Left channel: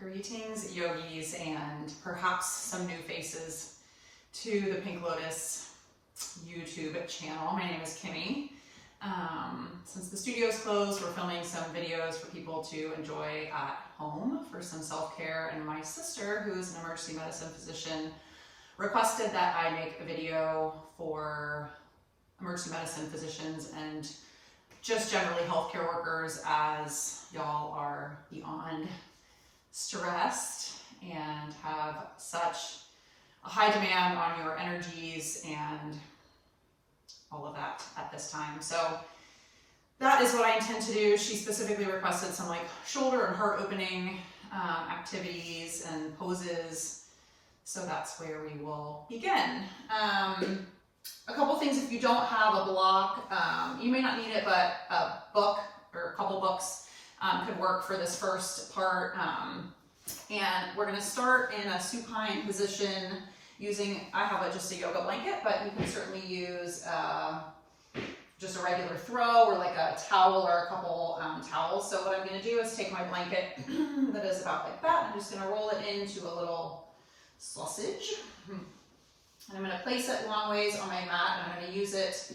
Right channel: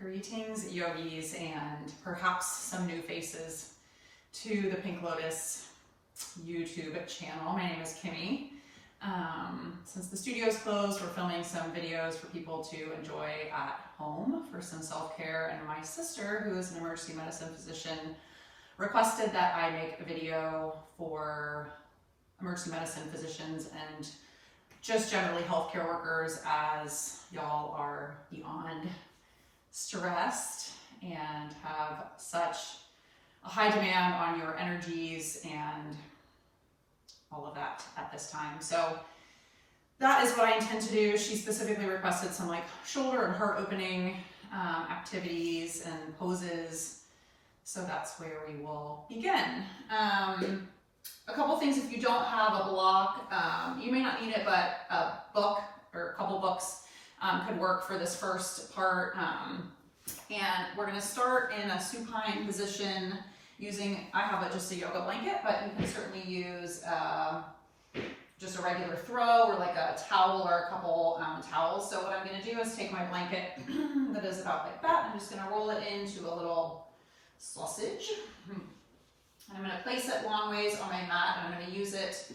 Greetings, yogis, and perhaps some new faces to the Pink Lotus YouTube channel. My name is Kimmy. Since the studio's closed, we're filming some videos for people to enjoy at home for some self-care, and my sister, who is an emergency medicine physician, requested that I make a video for emergency medicine physicians and just generally healthcare workers, as y'all are beyond stressed and have such a high demand on your energies and all of that at this time. So that is what I intend to do. She specifically requested some like shoulder and heart opening activities and poses. So that's where we will begin. A couple things, if you don't have a block, you may not need it, but a book or a couple books could work for this first part. And we're going to start in a supine position using, I have just a yoga blanket, but you can certainly use just a regular throw or like a towel or a couple towels. So what I'm going to do is take my blanket that is about like that. I'm just going to roll it into a little sausage. And I'm going to place it long ways on my mat, and I'm going to use it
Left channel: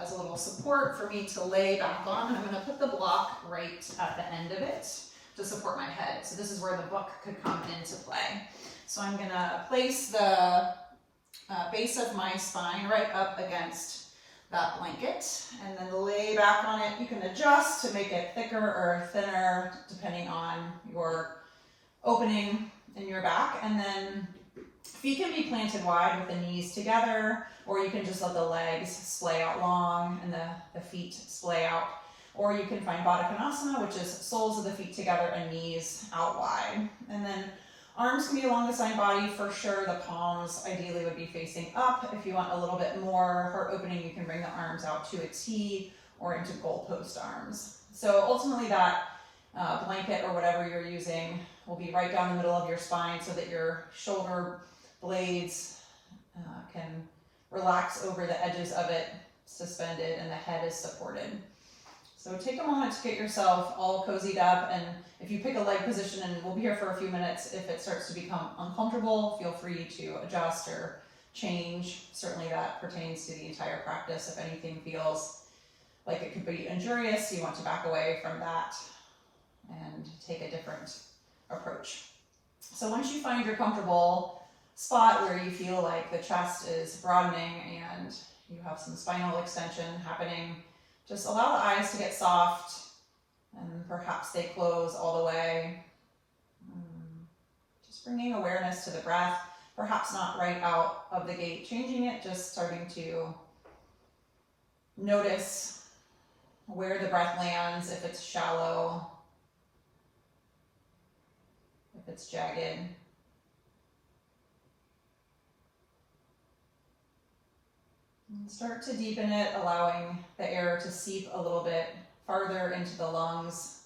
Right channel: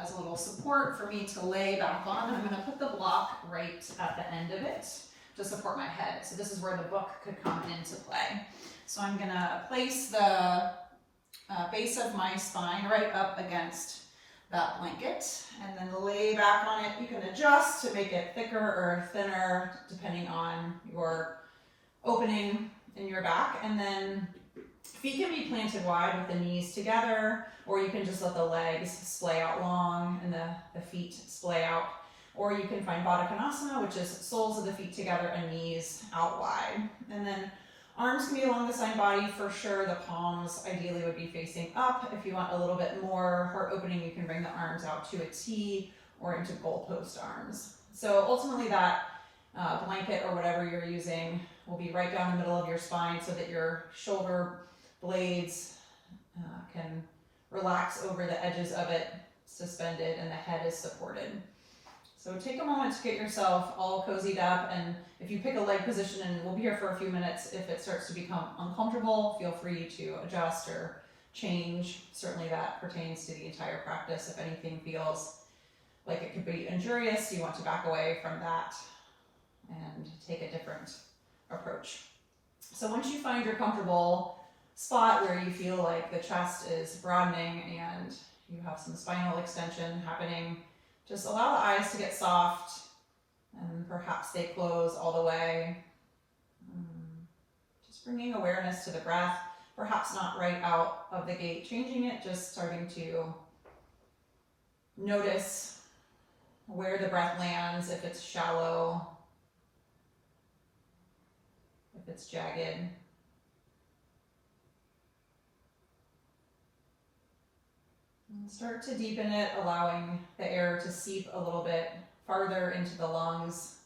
as a little support for me to lay back on. And I'm going to put the block right at the end of it to support my head. So this is where the book could come into play. So I'm going to place the base of my spine right up against that blanket, and then lay back on it. You can adjust to make it thicker or thinner depending on your opening in your back. And then feet can be planted wide with the knees together, or you can just let the legs splay out long and the feet splay out. Or you can find Baddha Konasana, which is soles of the feet together and knees out wide. And then arms can be along the side body for sure. The palms ideally would be facing up. If you want a little bit more heart opening, you can bring the arms out to a T or into goalpost arms. So ultimately that blanket or whatever you're using will be right down the middle of your spine so that your shoulder blades can relax over the edges of it, suspended, and the head is supported. So take a moment to get yourself all cozied up, and if you pick a leg position, and we'll be here for a few minutes, if it starts to become uncomfortable, feel free to adjust or change. Certainly that pertains to the entire practice. If anything feels like it could be injurious, you want to back away from that and take a different approach. So once you find your comfortable spot where you feel like the chest is broadening and you have some spinal extension happening, just allow the eyes to get soft and perhaps they close all the way. Just bringing awareness to the breath, perhaps not right out of the gate changing it, just starting to notice where the breath lands, if it's shallow, if it's jagged. And start to deepen it, allowing the air to seep a little bit farther into the lungs,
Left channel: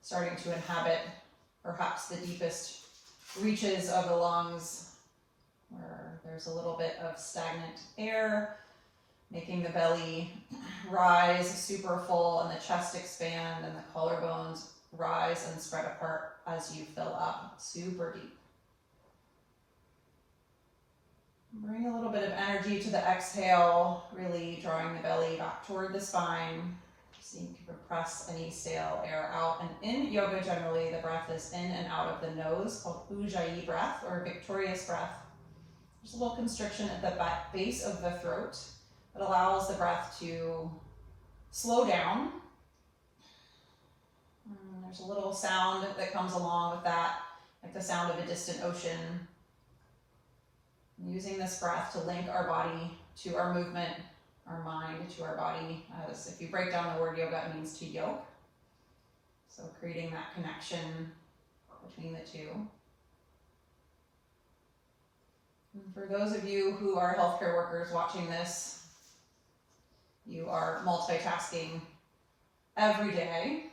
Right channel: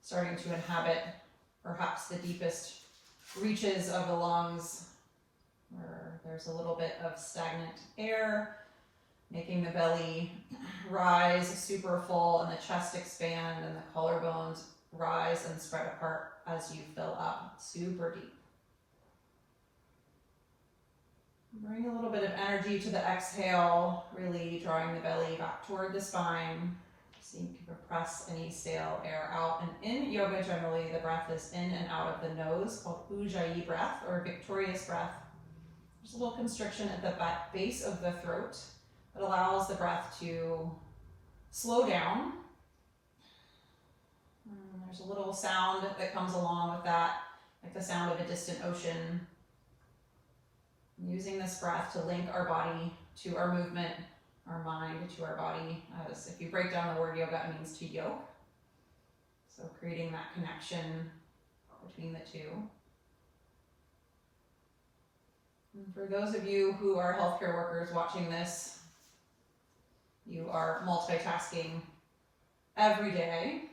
starting to inhabit perhaps the deepest reaches of the lungs where there's a little bit of stagnant air, making the belly rise super full and the chest expand and the collarbones rise and spread apart as you fill up super deep. Bring a little bit of energy to the exhale, really drawing the belly back toward the spine so you can press any stale air out. And in yoga, generally, the breath is in and out of the nose, called Ujjayi breath or victorious breath. There's a little constriction at the base of the throat that allows the breath to slow down. And there's a little sound that comes along with that, like the sound of a distant ocean. Using this breath to link our body to our movement, our mind to our body. As if you break down the word yoga, it means to yoke. So creating that connection between the two. And for those of you who are healthcare workers watching this, you are multitasking every day.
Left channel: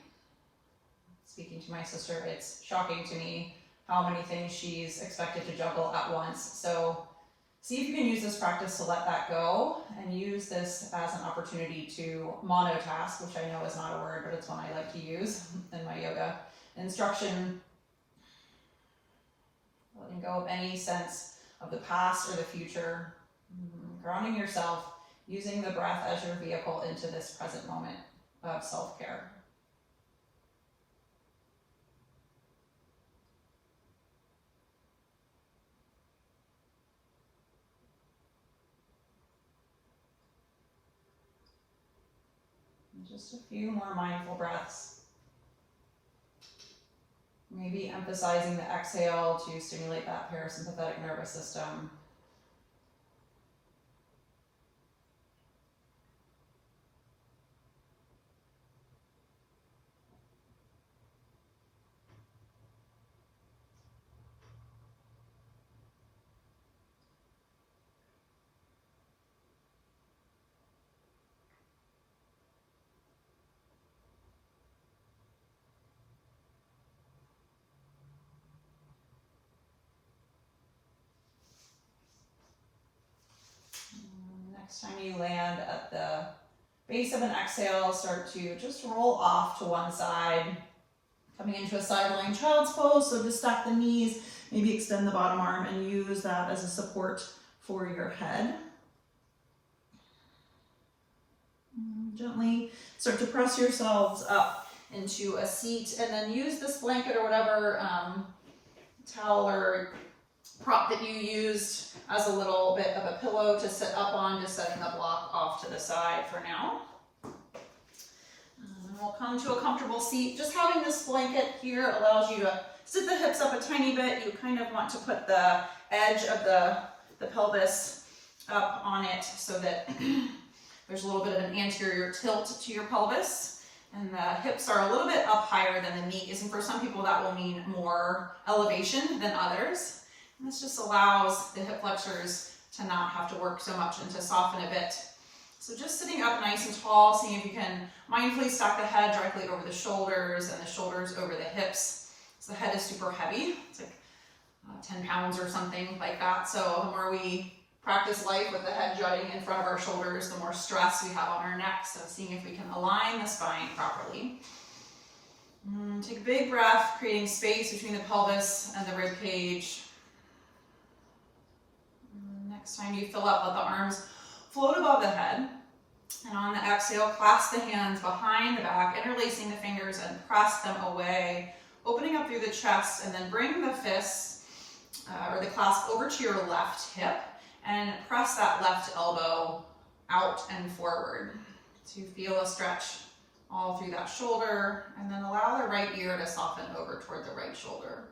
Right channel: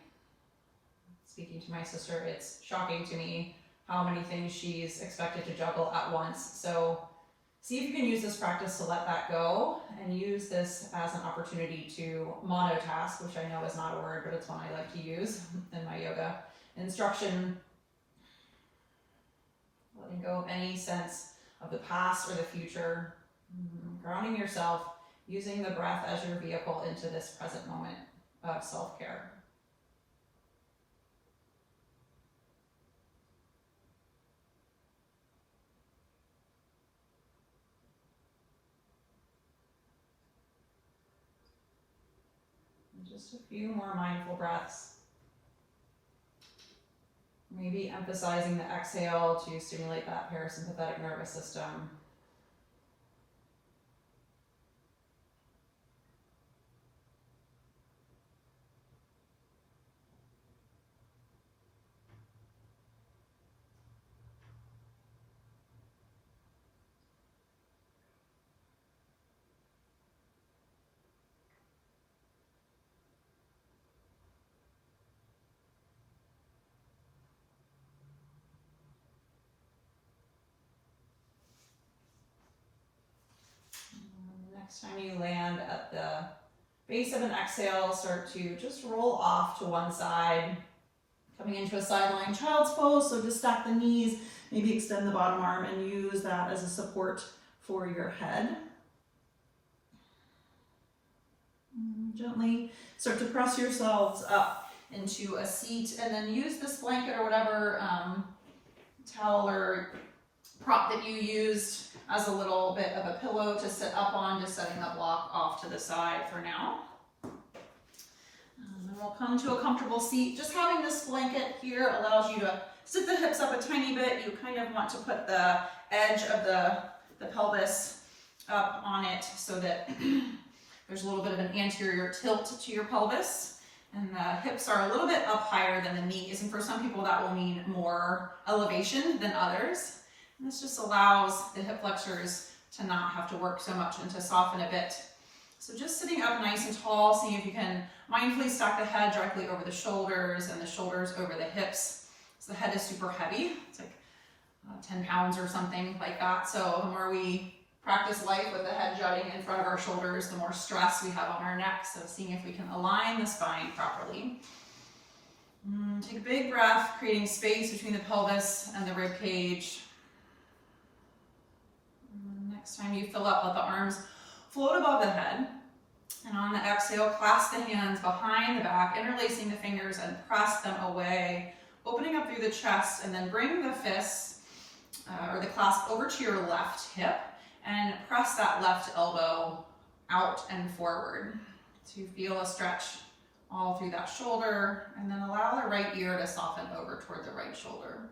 Speaking to my sister, it's shocking to me how many things she's expected to juggle at once. So See if you can use this practice to let that go and use this as an opportunity to monotask, which I know is not a word, but it's one I like to use in my yoga instruction. Letting go of any sense of the past or the future, grounding yourself, using the breath as your vehicle into this present moment of self-care. Just a few more mindful breaths. Maybe emphasizing the exhale to stimulate that parasympathetic nervous system. Next time you land at the base of an exhale, start to just roll off to one side, coming into a side lying child's pose. So just stack the knees, maybe extend the bottom arm and use that as a support for your head. Gently start to press yourselves up into a seat, and then use this blanket or whatever towel or prop that you used as a little bit of a pillow to sit up on, just setting the block off to the side for now. And we'll come to a comfortable seat. Just having this blanket here allows you to sit the hips up a tiny bit. You kind of want to put the edge of the pelvis up on it so that there's a little bit of an anterior tilt to your pelvis. And the hips are a little bit up higher than the knees. And for some people that will mean more elevation than others. And this just allows the hip flexors to not have to work so much and to soften a bit. So just sitting up nice and tall, seeing if you can mindfully stack the head directly over the shoulders and the shoulders over the hips. So the head is super heavy. It's like 10 pounds or something like that. So the more we practice life with the head jutting in front of our shoulders, the more stress we have on our neck. So seeing if we can align the spine properly. Take a big breath, creating space between the pelvis and the rib cage. Next time you fill up, let the arms float above the head. And on the exhale, clasp the hands behind the back, interlacing the fingers and press them away, opening up through the chest, and then bring the fists or the clasp over to your left hip and press that left elbow out and forward. So you feel a stretch all through that shoulder, and then allow the right ear to soften over toward the right shoulder.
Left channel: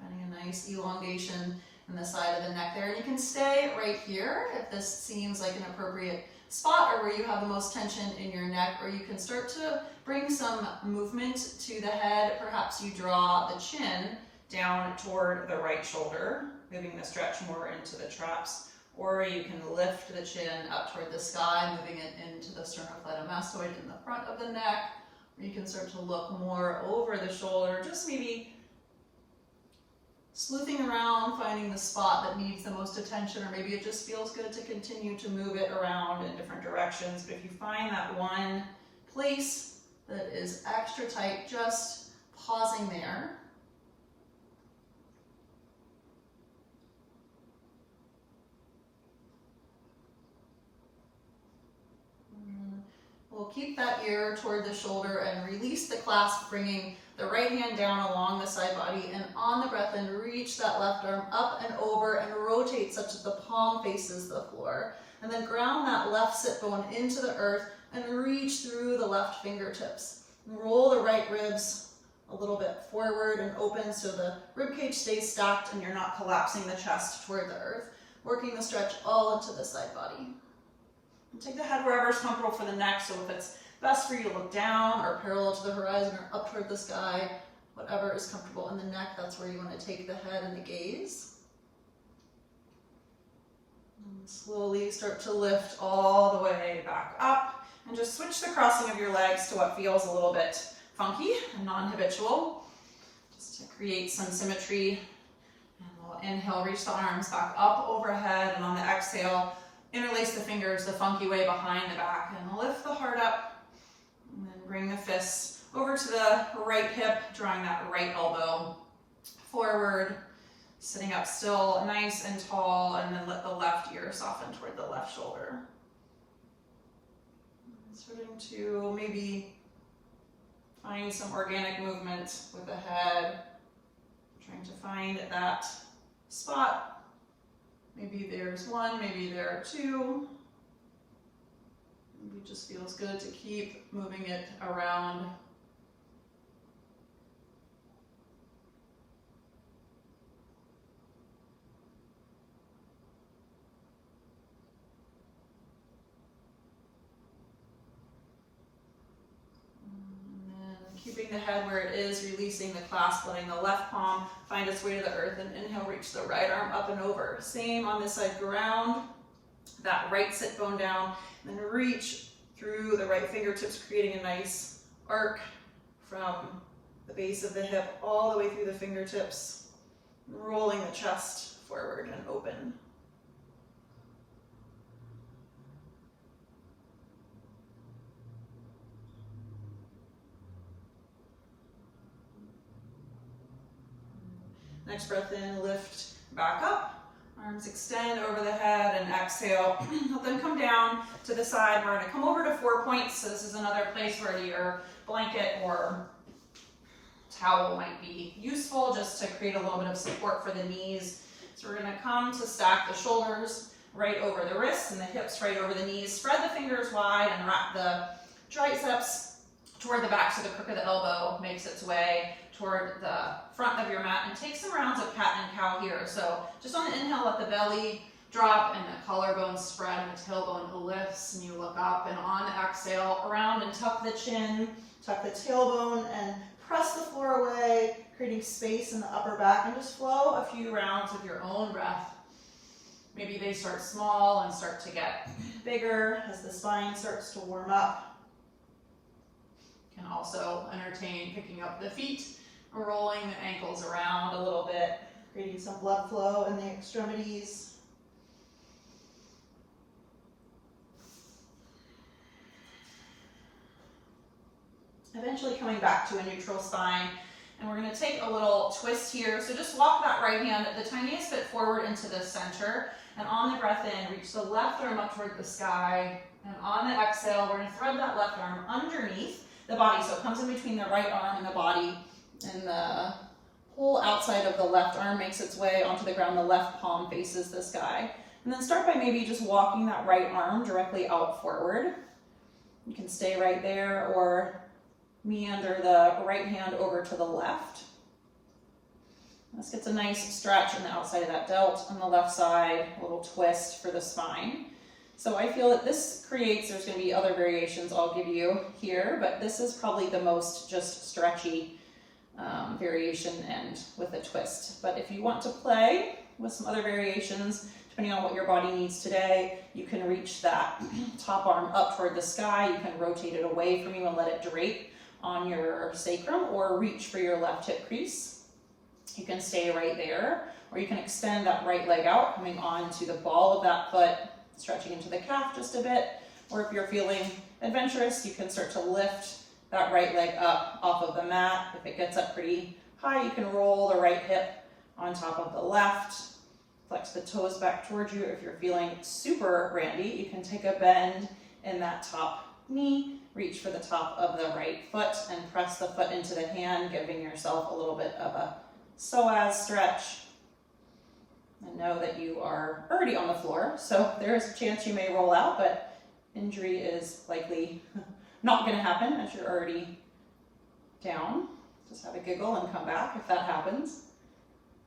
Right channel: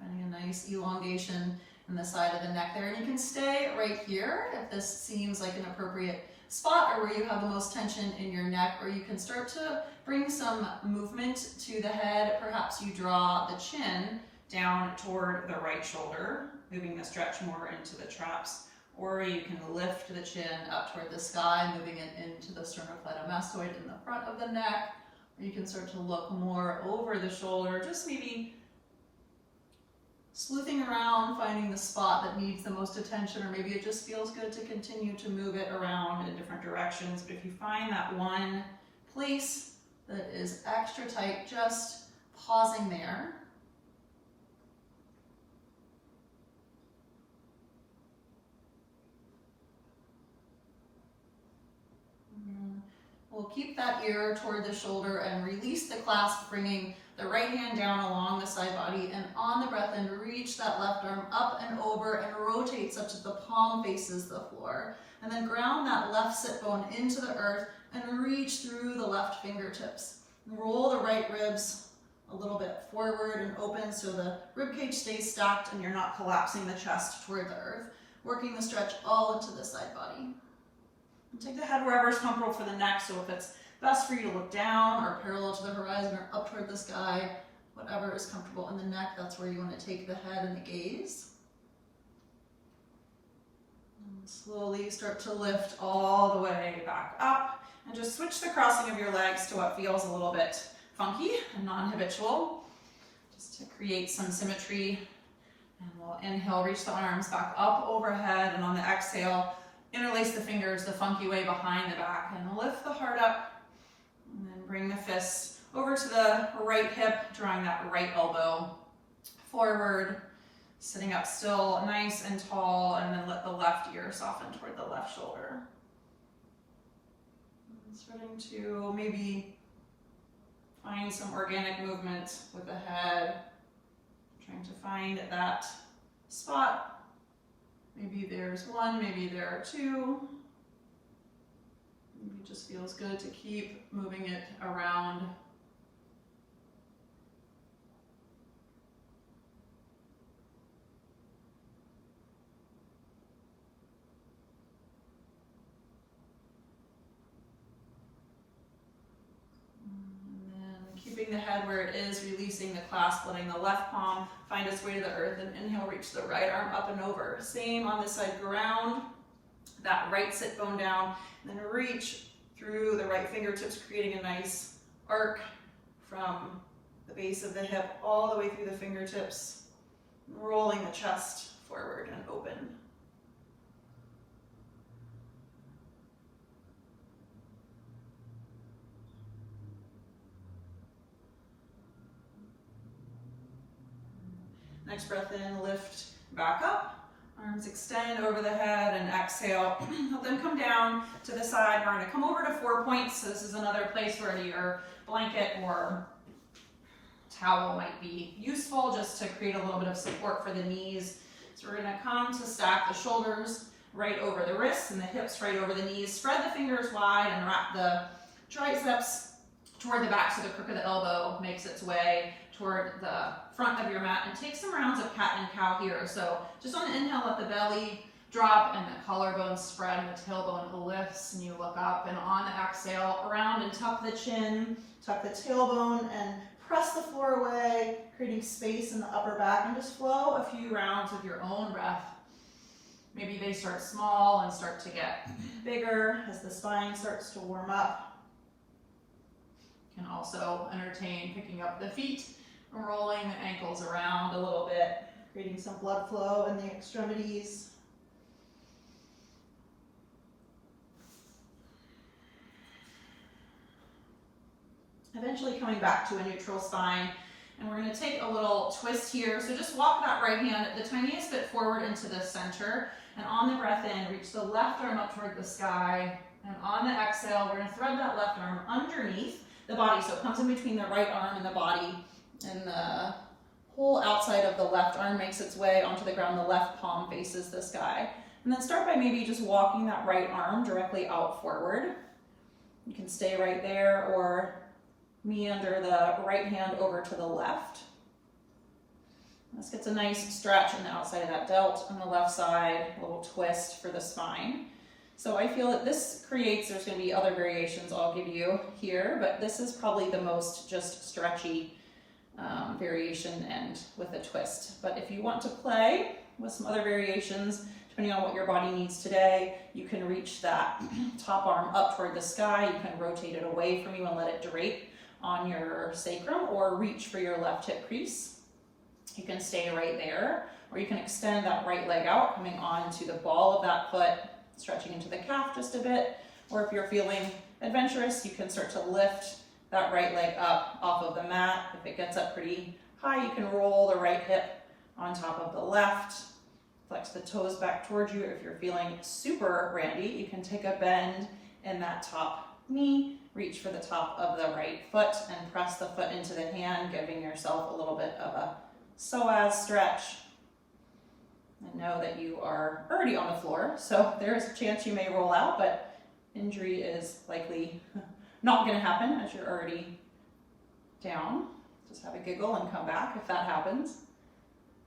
Finding a nice elongation in the side of the neck there. And you can stay right here if this seems like an appropriate spot or where you have the most tension in your neck, or you can start to bring some movement to the head. Perhaps you draw the chin down toward the right shoulder, moving the stretch more into the traps, or you can lift the chin up toward the sky, moving it into the sternocleidomastoid in the front of the neck, or you can start to look more over the shoulder, just maybe sleuthing around, finding the spot that needs the most attention, or maybe it just feels good to continue to move it around in different directions. But if you find that one place that is extra tight, just pausing there. We'll keep that ear toward the shoulder and release the clasp, bringing the right hand down along the side body, and on the breath and reach that left arm up and over and rotate such that the palm faces the floor. And then ground that left sit bone into the earth and reach through the left fingertips. And roll the right ribs a little bit forward and open so the rib cage stays stacked and you're not collapsing the chest toward the earth. Working the stretch all into the side body. And take the head wherever is comfortable for the neck. So if it's best for you to look down or parallel to the horizon or up toward the sky, whatever is comfortable. In the neck, that's where you want to take the head and the gaze. And slowly start to lift all the way back up, and just switch the crossing of your legs to what feels a little bit funky and non-habitual, just to create some symmetry And we'll inhale, reach the arms back up overhead, and on the exhale, interlace the fingers the funky way behind the back and lift the heart up. And then bring the fists over to the right hip, drawing that right elbow forward, sitting up still nice and tall, and then let the left ear soften toward the left shoulder. And starting to maybe find some organic movement with the head, trying to find that spot. Maybe there's one, maybe there are two. Maybe it just feels good to keep moving it around. Keeping the head where it is, releasing the clasp, letting the left palm find its way to the earth, and inhale, reach the right arm up and over. Same on this side, ground that right sit bone down, and then reach through the right fingertips, creating a nice arc from the base of the hip all the way through the fingertips, rolling the chest forward and open. Next breath in, lift back up, arms extend over the head, and exhale. Let them come down to the side. We're going to come over to 4 points. So this is another place where your blanket or towel might be useful, just to create a little bit of support for the knees. So we're going to come to stack the shoulders right over the wrists and the hips right over the knees. Spread the fingers wide and wrap the triceps toward the back so the crook of the elbow makes its way toward the front of your mat, and take some rounds of cat and cow here. So just on the inhale, let the belly drop and the collarbone spread and the tailbone lifts and you look up, and on the exhale, around and tuck the chin, tuck the tailbone and press the floor away, creating space in the upper back, and just flow a few rounds of your own breath. Maybe they start small and start to get bigger as the spine starts to warm up. You can also entertain picking up the feet, rolling the ankles around a little bit, creating some blood flow in the extremities. Eventually coming back to a neutral spine, and we're going to take a little twist here. So just walk that right hand the tiniest bit forward into the center, and on the breath in, reach the left arm up toward the sky, and on the exhale, we're going to thread that left arm underneath the body, so it comes in between the right arm and the body, and the whole outside of the left arm makes its way onto the ground. The left palm faces the sky. And then start by maybe just walking that right arm directly out forward. You can stay right there or meander the right hand over to the left. This gets a nice stretch on the outside of that delt. On the left side, a little twist for the spine. So I feel that this creates, there's going to be other variations I'll give you here, but this is probably the most just stretchy variation and with a twist. But if you want to play with some other variations, depending on what your body needs today, you can reach that top arm up toward the sky. You can rotate it away from you and let it drape on your sacrum, or reach for your left hip crease. You can stay right there, or you can extend that right leg out, coming on to the ball of that foot, stretching into the calf just a bit. Or if you're feeling adventurous, you can start to lift that right leg up off of the mat. If it gets up pretty high, you can roll the right hip on top of the left. Flex the toes back towards you. If you're feeling super randy, you can take a bend in that top knee, reach for the top of the right foot and press the foot into the hand, giving yourself a little bit of a psoas stretch. And know that you are already on the floor, so there's a chance you may roll out, but injury is likely not going to happen as you're already down. Just have a giggle and come back if that happens.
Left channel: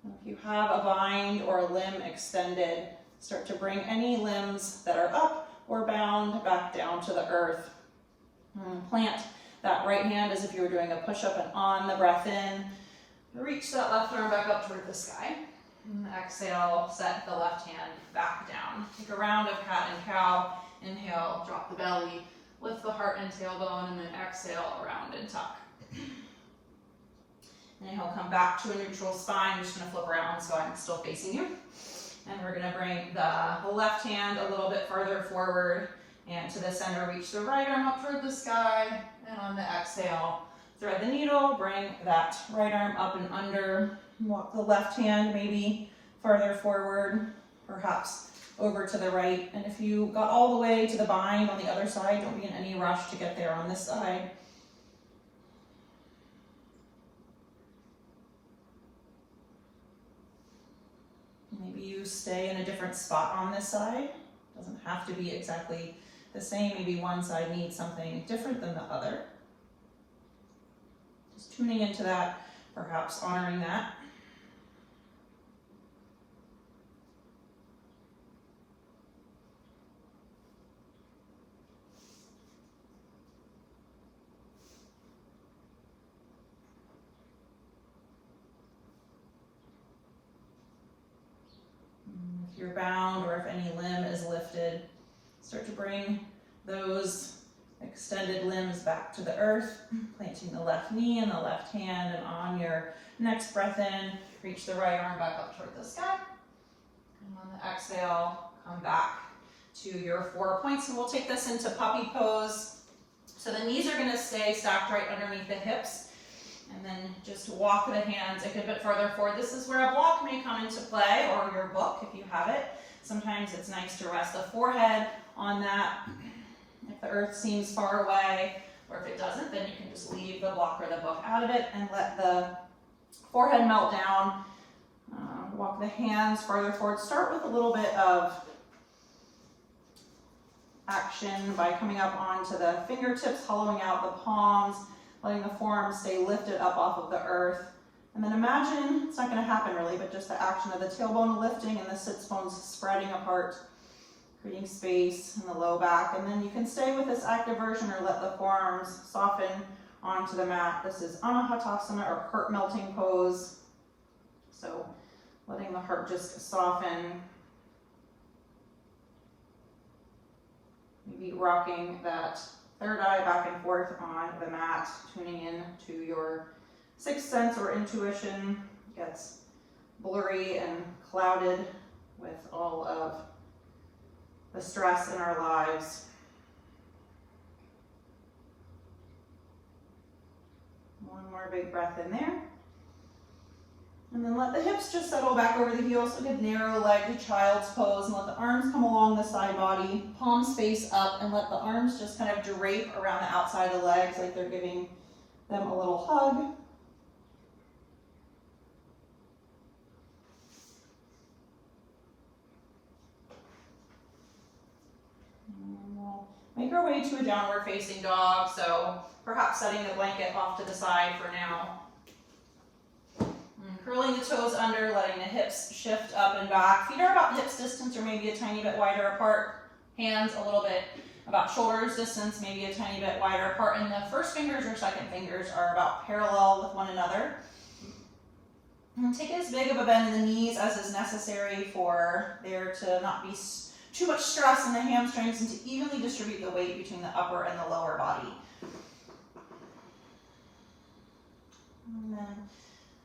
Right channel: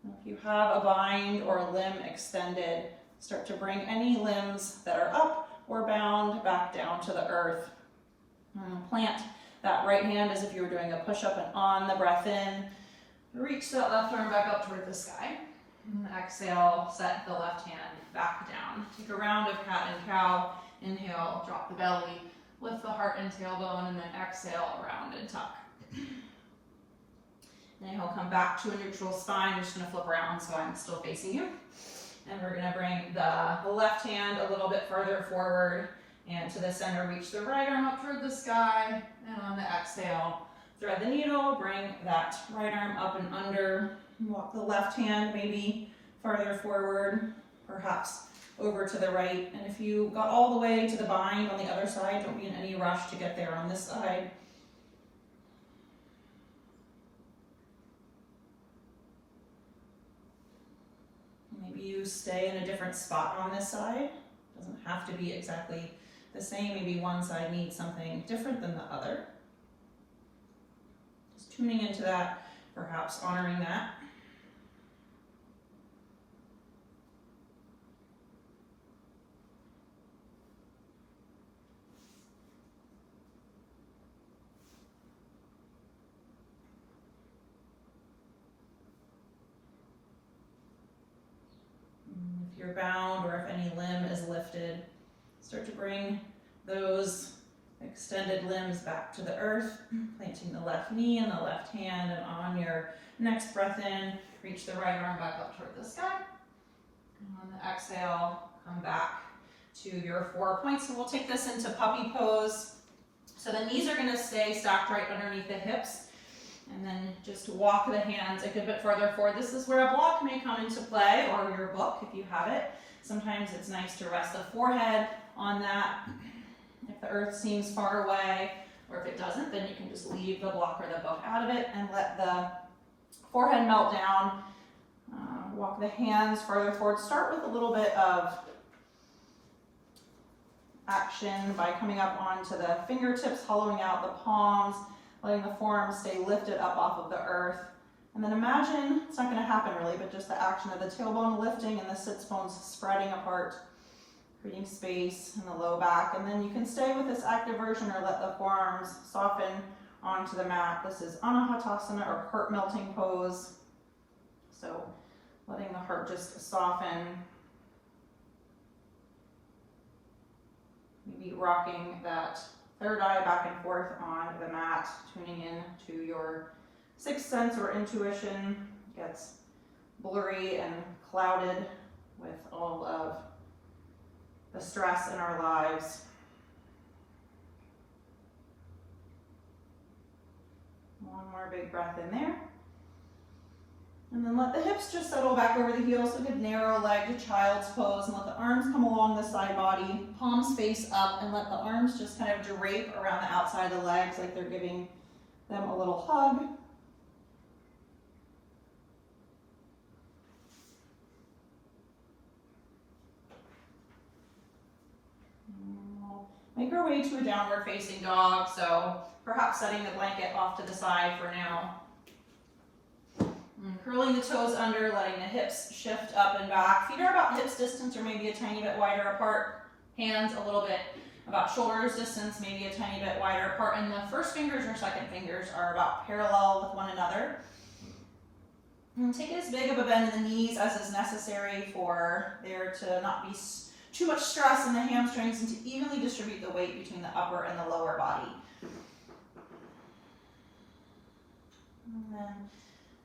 And if you have a bind or a limb extended, start to bring any limbs that are up or bound back down to the earth. Plant that right hand as if you were doing a push-up, and on the breath in, reach that left arm back up toward the sky. And exhale, set the left hand back down. Take a round of cat and cow. Inhale, drop the belly, lift the heart and tailbone, and then exhale, around and tuck. Inhale, come back to a neutral spine. I'm just gonna flip around so I'm still facing you. And we're gonna bring the left hand a little bit further forward and to the center. Reach the right arm up toward the sky. And on the exhale, thread the needle, bring that right arm up and under. Walk the left hand maybe farther forward, perhaps over to the right. And if you got all the way to the bind on the other side, don't be in any rush to get there on this side. Maybe you stay in a different spot on this side. Doesn't have to be exactly the same. Maybe one side needs something different than the other. Just tuning into that, perhaps honoring that. If you're bound or if any limb is lifted, start to bring those extended limbs back to the earth, planting the left knee and the left hand, and on your next breath in, reach the right arm back up toward the sky. And on the exhale, come back to your 4 points. So we'll take this into puppy pose. So the knees are gonna stay stacked right underneath the hips. And then just walk the hands a good bit further forward. This is where a block may come into play, or your book if you have it. Sometimes it's nice to rest the forehead on that. If the earth seems far away, or if it doesn't, then you can just leave the block or the book out of it and let the forehead melt down. Walk the hands farther forward. Start with a little bit of action by coming up onto the fingertips, hollowing out the palms, letting the forearms stay lifted up off of the earth. And then imagine, it's not gonna happen really, but just the action of the tailbone lifting and the sits bones spreading apart, creating space in the low back. And then you can stay with this active version or let the forearms soften onto the mat. This is Anahatasana, or heart melting pose. So letting the heart just soften. Maybe rocking that third eye back and forth on the mat, tuning in to your sixth sense or intuition. Gets blurry and clouded with all of the stress in our lives. One more big breath in there. And then let the hips just settle back over the heels. So good narrow legged child's pose, and let the arms come along the side body, palms face up, and let the arms just kind of drape around the outside of the legs like they're giving them a little hug. And we'll make our way to a downward facing dog. So perhaps setting the blanket off to the side for now. And curling the toes under, letting the hips shift up and back. Feet are about hips distance or maybe a tiny bit wider apart. Hands a little bit about shoulders distance, maybe a tiny bit wider apart. And the first fingers or second fingers are about parallel with one another. And take as big of a bend in the knees as is necessary for there to not be too much stress in the hamstrings, and to evenly distribute the weight between the upper and the lower body. And then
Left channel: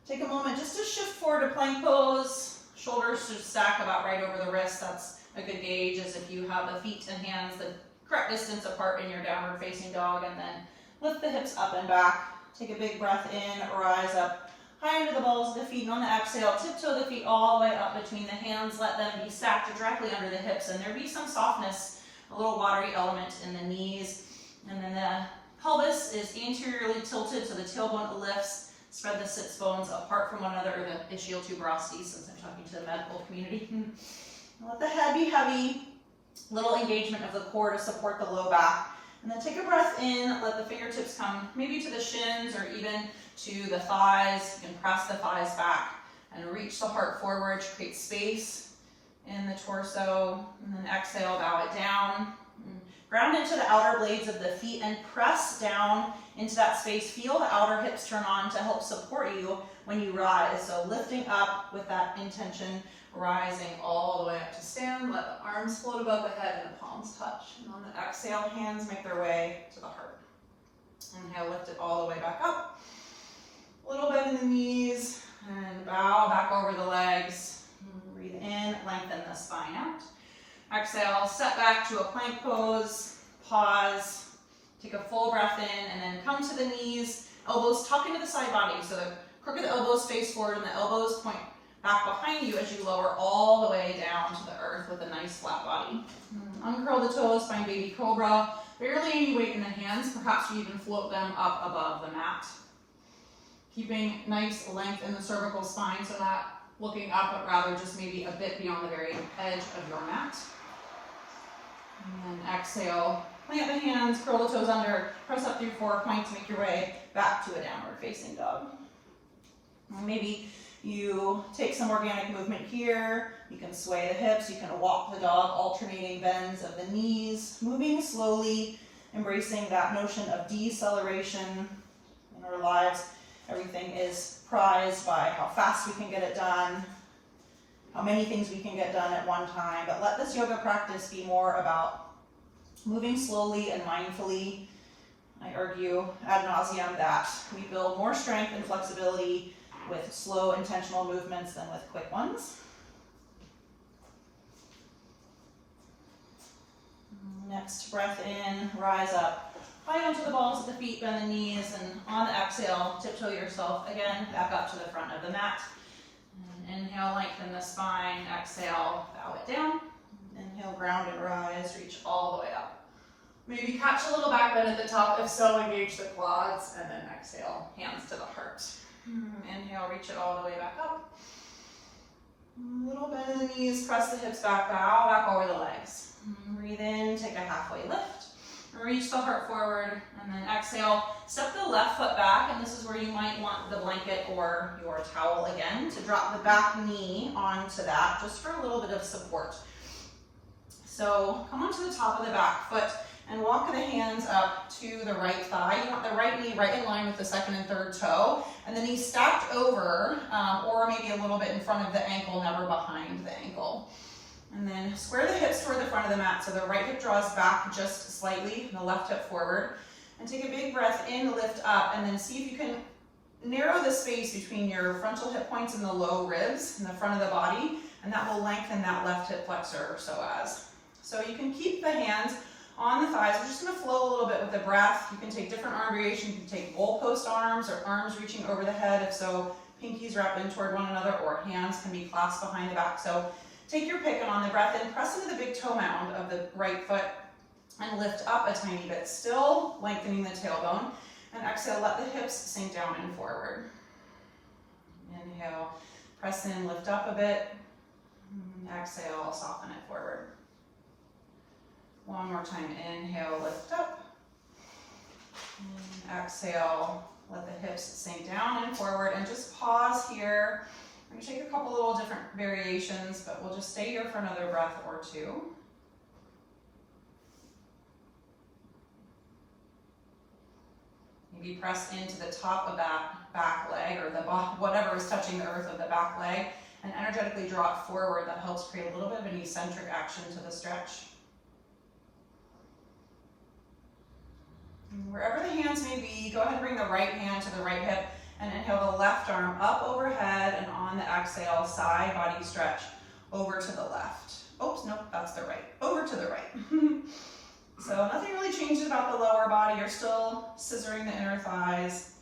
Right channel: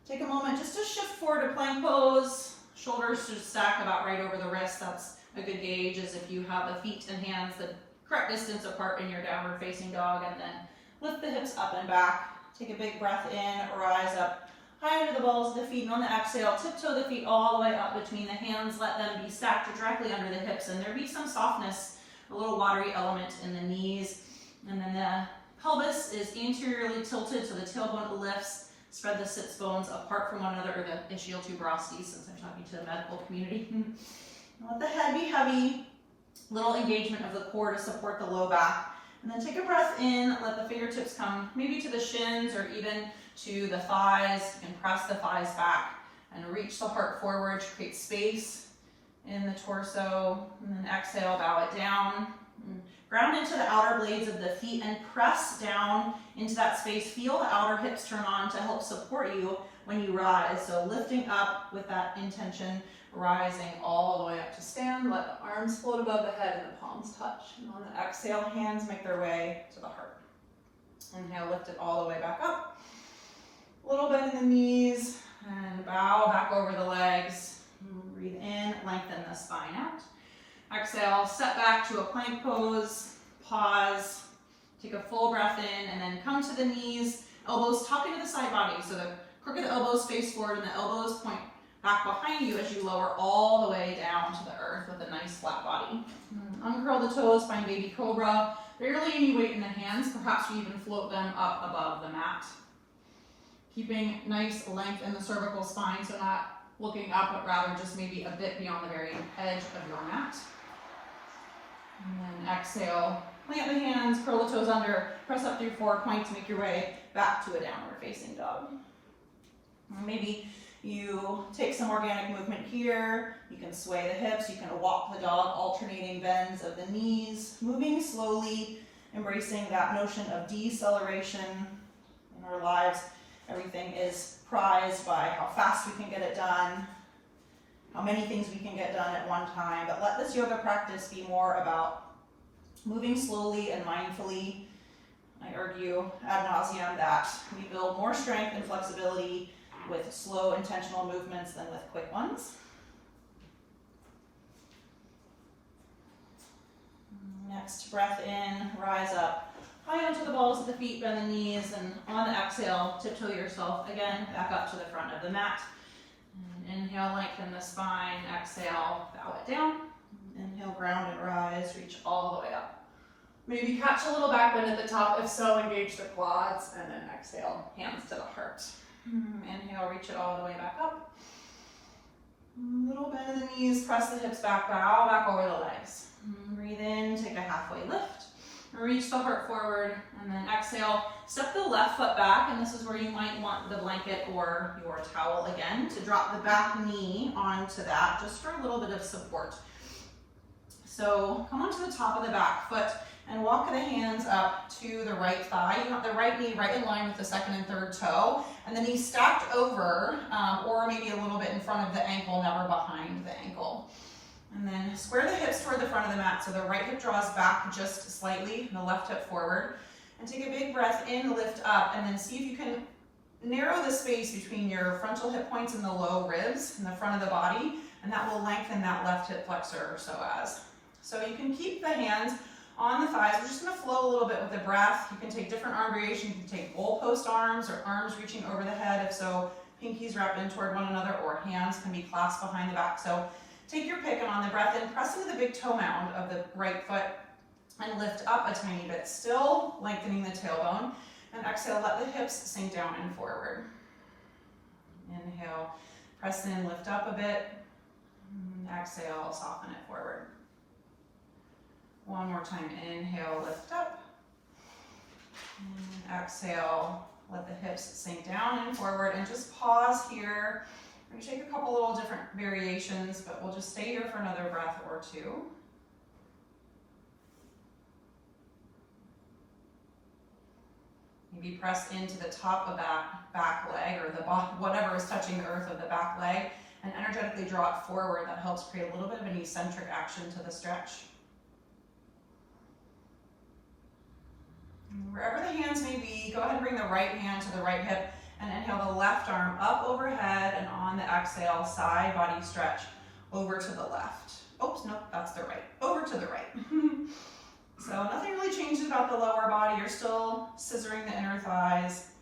take a moment just to shift forward to plank pose. Shoulders should stack about right over the wrists. That's a good gauge, as if you have the feet and hands the correct distance apart in your downward facing dog. And then lift the hips up and back. Take a big breath in, rise up high under the balls of the feet, and on the exhale, tiptoe the feet all the way up between the hands. Let them be stacked directly under the hips, and there be some softness, a little watery element in the knees. And then the pelvis is anteriorly tilted, so the tailbone lifts. Spread the sits bones apart from one another, or the ischial tuberosities, since I'm talking to the medical community. Let the head be heavy, little engagement of the core to support the low back. And then take a breath in, let the fingertips come maybe to the shins or even to the thighs. You can press the thighs back and reach the heart forward to create space in the torso. And then exhale, bow it down. Ground into the outer blades of the feet and press down into that space. Feel the outer hips turn on to help support you when you rise. So lifting up with that intention, rising all the way up to stand. Let the arms float above the head and the palms touch. And on the exhale, hands make their way to the heart. Inhale, lift it all the way back up. A little bend in the knees and bow back over the legs. Breathe in, lengthen the spine out. Exhale, step back to a plank pose, pause, take a full breath in, and then come to the knees, elbows tuck into the side body. So the crook of the elbows face forward and the elbows point back behind you as you lower all the way down to the earth with a nice flat body. Uncurl the toes, find baby cobra. Barely any weight in the hands, perhaps you even float them up above the mat. Keeping nice length in the cervical spine, so not looking up, but rather just maybe a bit beyond the very edge of your mat. And then exhale, plant the hands, curl the toes under, press up through 4 points, make your way back to a downward facing dog. Maybe you take some organic movement here. You can sway the hips, you can walk the dog, alternating bends of the knees, moving slowly, embracing that notion of deceleration in our lives. Everything is prized by how fast we can get it done, how many things we can get done at one time, but let this yoga practice be more about moving slowly and mindfully. I argue ad nauseum that we build more strength and flexibility with slow, intentional movements than with quick ones. Next, breath in, rise up, high onto the balls of the feet, bend the knees, and on the exhale, tiptoe yourself again back up to the front of the mat. And inhale, lengthen the spine, exhale, bow it down. Inhale, ground and rise, reach all the way up. Maybe catch a little back bend at the top, if so, engage the quads, and then exhale, hands to the heart. Inhale, reach it all the way back up. A little bend in the knees, press the hips back, bow back over the legs. Breathe in, take a halfway lift. Reach the heart forward, and then exhale, step the left foot back, and this is where you might want the blanket or your towel again to drop the back knee onto that, just for a little bit of support. So come onto the top of the back foot and walk the hands up to the right thigh. You want the right knee right in line with the second and third toe, and the knee stacked over, or maybe a little bit in front of the ankle, never behind the ankle. And then square the hips toward the front of the mat, so the right hip draws back just slightly, and the left hip forward. And take a big breath in, lift up, and then see if you can narrow the space between your frontal hip points and the low ribs in the front of the body, and that will lengthen that left hip flexor or psoas. So you can keep the hands on the thighs. We're just going to flow a little bit with the breath. You can take different arm variations. You can take goalpost arms or arms reaching over the head, if so, pinkies wrapped in toward one another, or hands can be clasped behind the back. So take your pick, and on the breath in, press into the big toe mound of the right foot and lift up a tiny bit, still lengthening the tailbone. And exhale, let the hips sink down and forward. Inhale, press in, lift up a bit. Exhale, soften it forward. One more time, inhale, lift up. And exhale, let the hips sink down and forward, and just pause here. I'm going to take a couple little different variations, but we'll just stay here for another breath or two. Maybe press into the top of that back leg, or the whatever is touching the earth of the back leg, and energetically draw it forward. That helps create a little bit of an eccentric action to the stretch. And wherever the hands may be, go ahead and bring the right hand to the right hip, and inhale the left arm up overhead, and on the exhale, side body stretch over to the left. Oops, nope, that's the right. Over to the right. So nothing really changes about the lower body. You're still scissoring the inner thighs.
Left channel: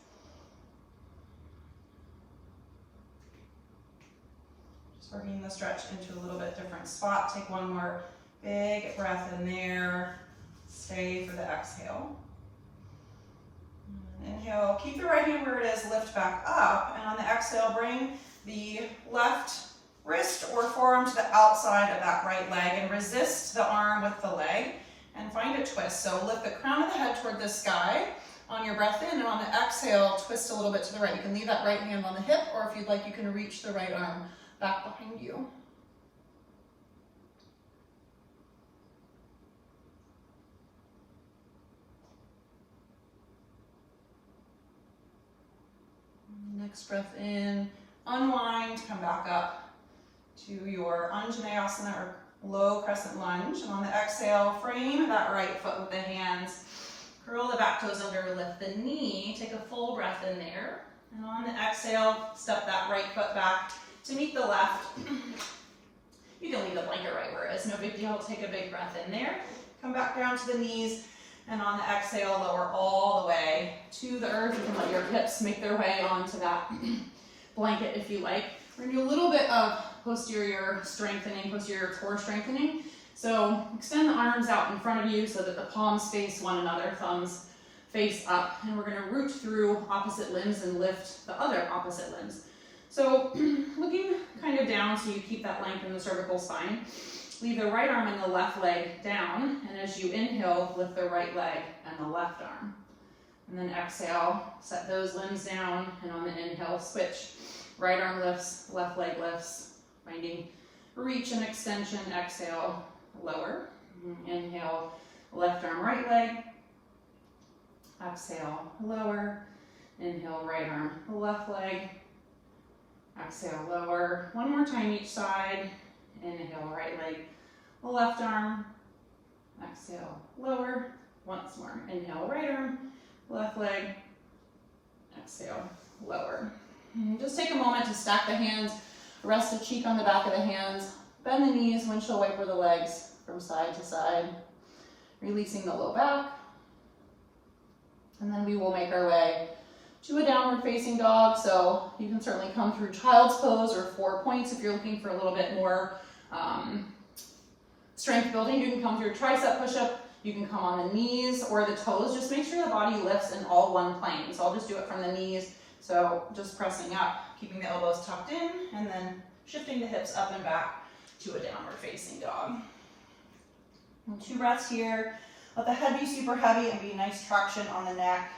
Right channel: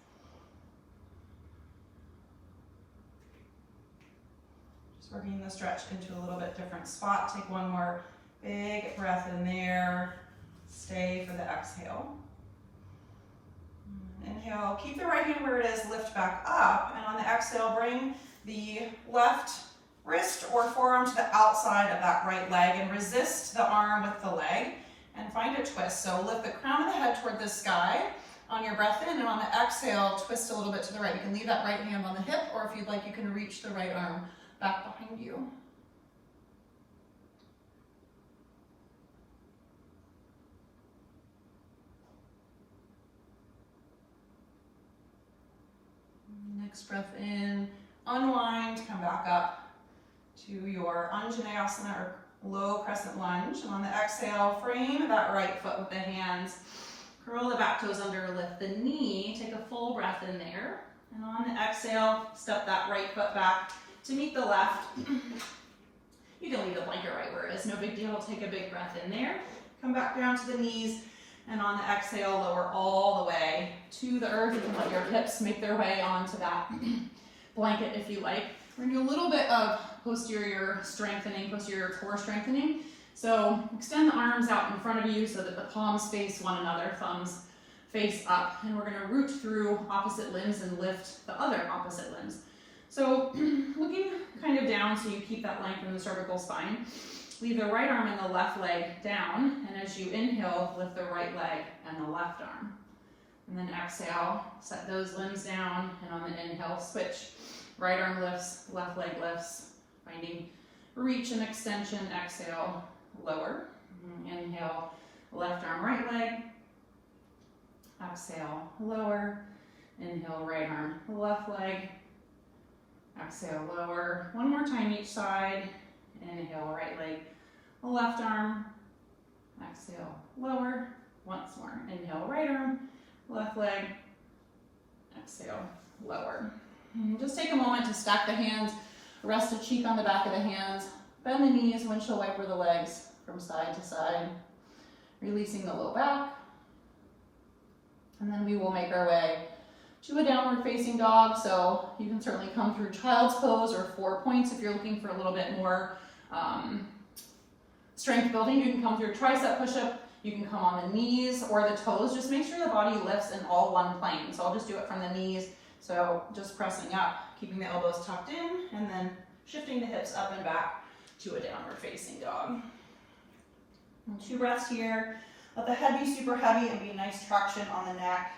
Just working the stretch into a little bit different spot. Take one more big breath in there. Stay for the exhale. Inhale, keep the right hand where it is, lift back up, and on the exhale, bring the left wrist or forearm to the outside of that right leg and resist the arm with the leg and find a twist. So lift the crown of the head toward the sky on your breath in, and on the exhale, twist a little bit to the right. You can leave that right hand on the hip, or if you'd like, you can reach the right arm back behind you. Next breath in, unwind, come back up to your Anjaneyasana or low crescent lunge. And on the exhale, frame that right foot with the hands. Curl the back toes under, lift the knee. Take a full breath in there. And on the exhale, step that right foot back to meet the left. You can leave the blanket right where it is, no big deal. Take a big breath in there. Come back down to the knees, and on the exhale, lower all the way to the earth. You can let your hips make their way onto that blanket if you like. We're gonna do a little bit of posterior strengthening, posterior core strengthening. So extend the arms out in front of you so that the palms face one another, thumbs face up, and we're gonna root through opposite limbs and lift the other opposite limbs. So looking kind of down so you keep that length in the cervical spine. Leave the right arm and the left leg down, and as you inhale, lift the right leg and the left arm. And then exhale, set those limbs down, and on the inhale, switch. Right arm lifts, left leg lifts, finding reach and extension. Exhale, lower. Inhale, left arm, right leg. Exhale, lower. Inhale, right arm, left leg. Exhale, lower. One more time each side. Inhale, right leg, left arm. Exhale, lower. Once more. Inhale, right arm, left leg. Exhale, lower. And just take a moment to stack the hands, rest a cheek on the back of the hands, bend the knees, windshield wiper the legs from side to side, releasing the low back. And then we will make our way to a downward facing dog. So you can certainly come through child's pose or 4 points if you're looking for a little bit more strength building. You can come through a tricep push-up. You can come on the knees or the toes. Just make sure the body lifts in all one plane. So I'll just do it from the knees. So just pressing up, keeping the elbows tucked in, and then shifting the hips up and back to a downward facing dog. And 2 breaths here. Let the head be super heavy and be nice traction on the neck.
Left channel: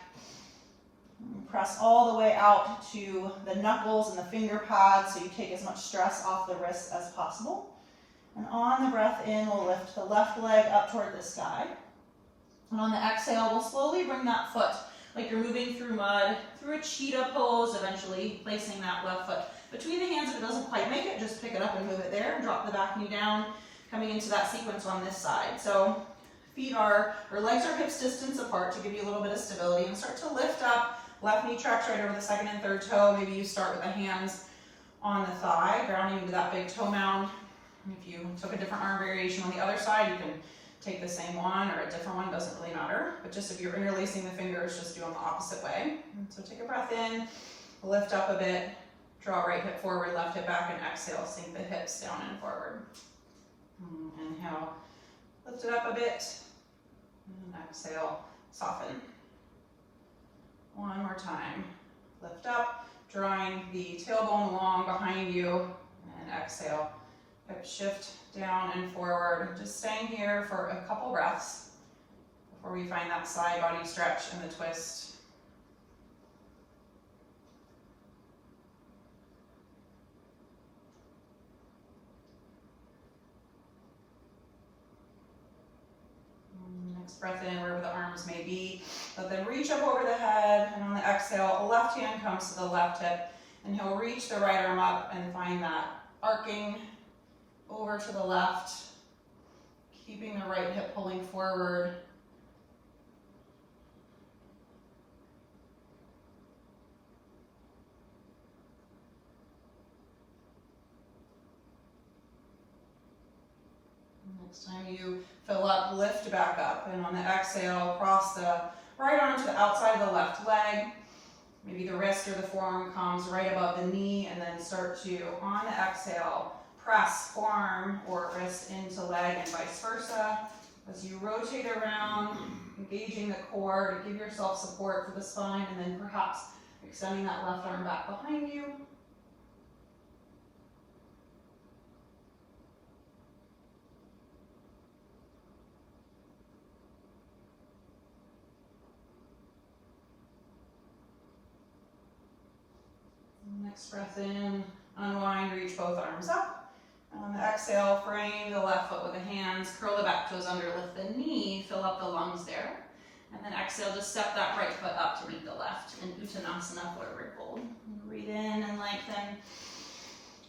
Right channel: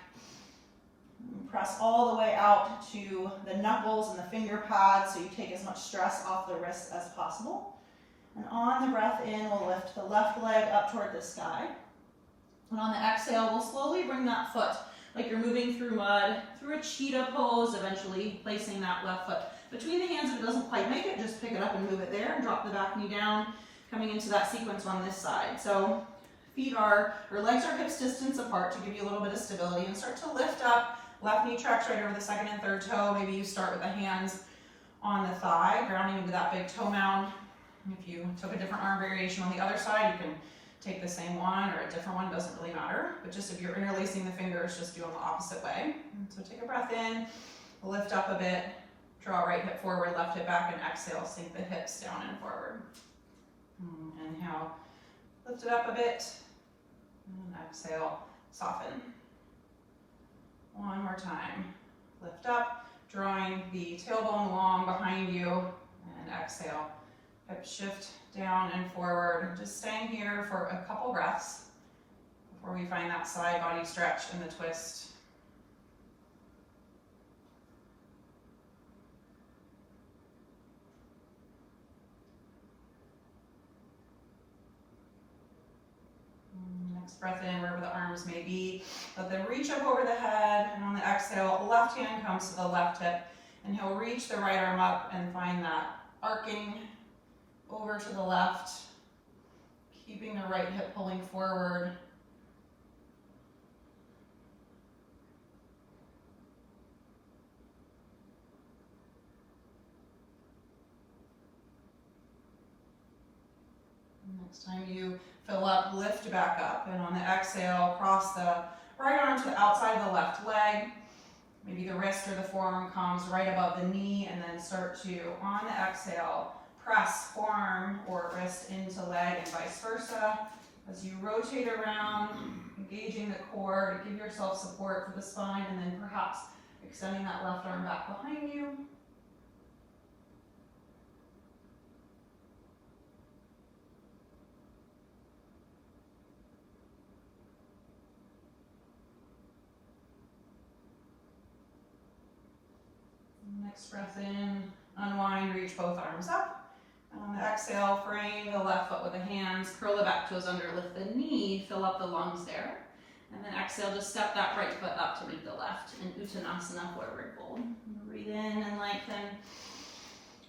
And press all the way out to the knuckles and the finger pads so you take as much stress off the wrists as possible. And on the breath in, we'll lift the left leg up toward the sky. And on the exhale, we'll slowly bring that foot like you're moving through mud, through a cheetah pose, eventually placing that left foot between the hands. If it doesn't quite make it, just pick it up and move it there, and drop the back knee down, coming into that sequence on this side. So legs are hips distance apart to give you a little bit of stability, and start to lift up. Left knee tracks right over the second and third toe. Maybe you start with the hands on the thigh, grounding into that big toe mound. If you took a different arm variation on the other side, you can take the same one or a different one, doesn't really matter. But just if you're interlacing the fingers, just do them the opposite way. And so take a breath in, lift up a bit, draw right hip forward, left hip back, and exhale, sink the hips down and forward. Inhale, lift it up a bit, and exhale, soften. One more time. Lift up, drawing the tailbone long behind you, and exhale. Hip shift down and forward. Just staying here for a couple breaths before we find that side body stretch and the twist. Next breath in, wherever the arms may be. Let them reach up over the head, and on the exhale, the left hand comes to the left hip, and he'll reach the right arm up and find that arcing over to the left, keeping the right hip pulling forward. Next time you fill up, lift back up, and on the exhale, cross the right arm to the outside of the left leg. Maybe the wrist or the forearm comes right above the knee, and then start to, on the exhale, press forearm or wrist into leg and vice versa. As you rotate around, engaging the core to give yourself support for the spine, and then perhaps extending that left arm back behind you. Next breath in, unwind, reach both arms up. On the exhale, frame the left foot with the hands, curl the back toes under, lift the knee, fill up the lungs there. And then exhale, just step that right foot up to meet the left in Uttanasana, forward fold. Breathe in and lengthen.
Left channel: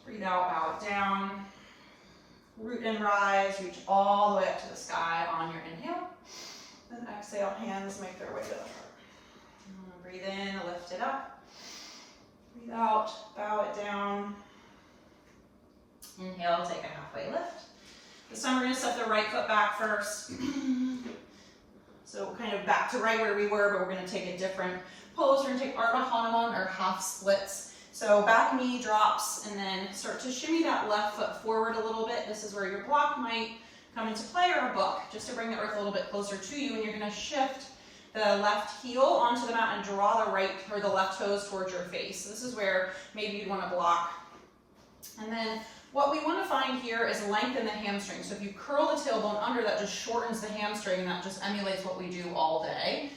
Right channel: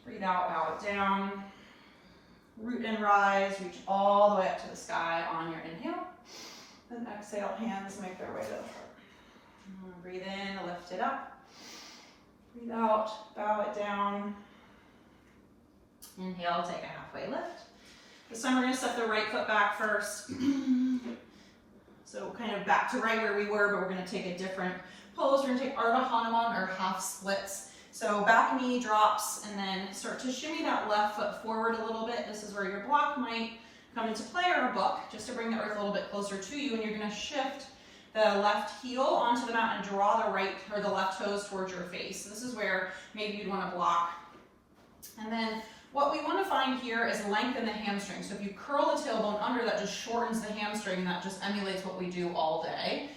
Breathe out, bow it down. Root and rise, reach all the way up to the sky on your inhale. Then exhale, hands make their way to the heart. Breathe in, lift it up. Breathe out, bow it down. Inhale, take a halfway lift. This time we're going to step the right foot back first. So kind of back to right where we were, but we're going to take a different pose. We're going to take Ardha Hanuman, or half splits. So back knee drops, and then start to shimmy that left foot forward a little bit. This is where your block might come into play, or a book, just to bring the earth a little bit closer to you. And you're going to shift the left heel onto the mat and draw the right or the left toes towards your face. So this is where maybe you'd want to block. And then what we want to find here is lengthen the hamstring. So if you curl the tailbone under, that just shortens the hamstring, and that just emulates what we do all day.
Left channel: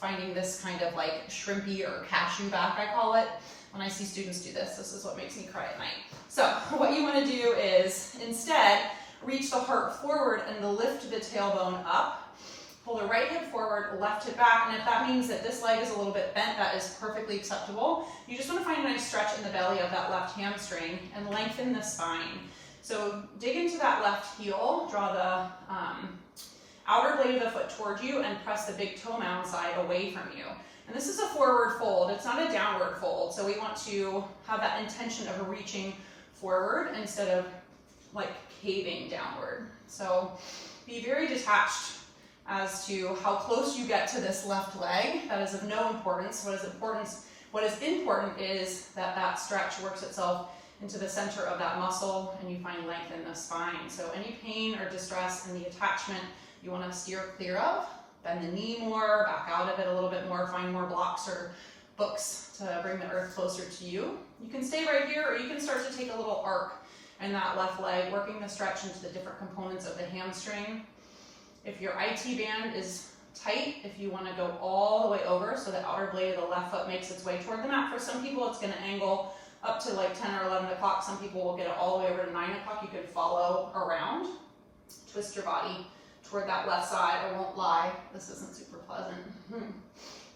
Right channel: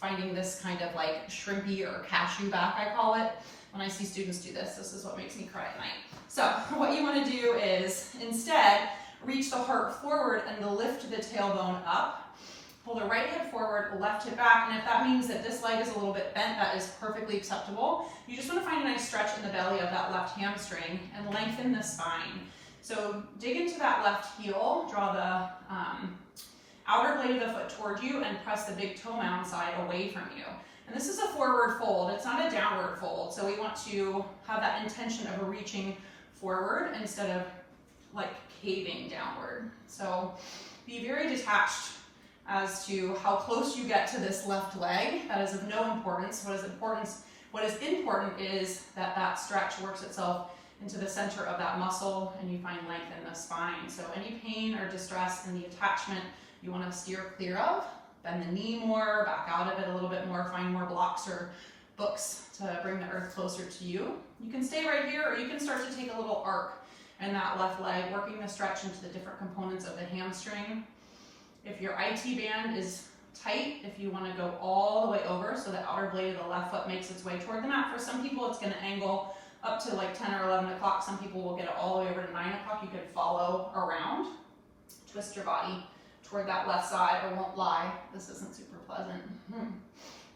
Finding this kind of like shrimpy or cashew back, I call it. When I see students do this, this is what makes me cry at night. So what you want to do is instead reach the heart forward and lift the tailbone up. Pull the right hip forward, left hip back, and if that means that this leg is a little bit bent, that is perfectly acceptable. You just want to find a nice stretch in the belly of that left hamstring and lengthen the spine. So dig into that left heel, draw the outer blade of the foot toward you, and press the big toe mound side away from you. And this is a forward fold, it's not a downward fold. So we want to have that intention of reaching forward instead of like caving downward. So be very detached as to how close you get to this left leg. That is of no importance. What is important is that that stretch works itself into the center of that muscle, and you find length in the spine. So any pain or distress in the attachment you want to steer clear of. Bend the knee more, back out of it a little bit more, find more blocks or books to bring the earth closer to you. You can stay right here, or you can start to take a little arc in that left leg, working the stretch into the different components of the hamstring. If your IT band is tight, if you want to go all the way over so the outer blade of the left foot makes its way toward the mat. For some people, it's going to angle up to like 10 or 11 o'clock. Some people will get it all the way over to 9 o'clock. You could follow around, twist your body toward that left side. I won't lie, this isn't super pleasant.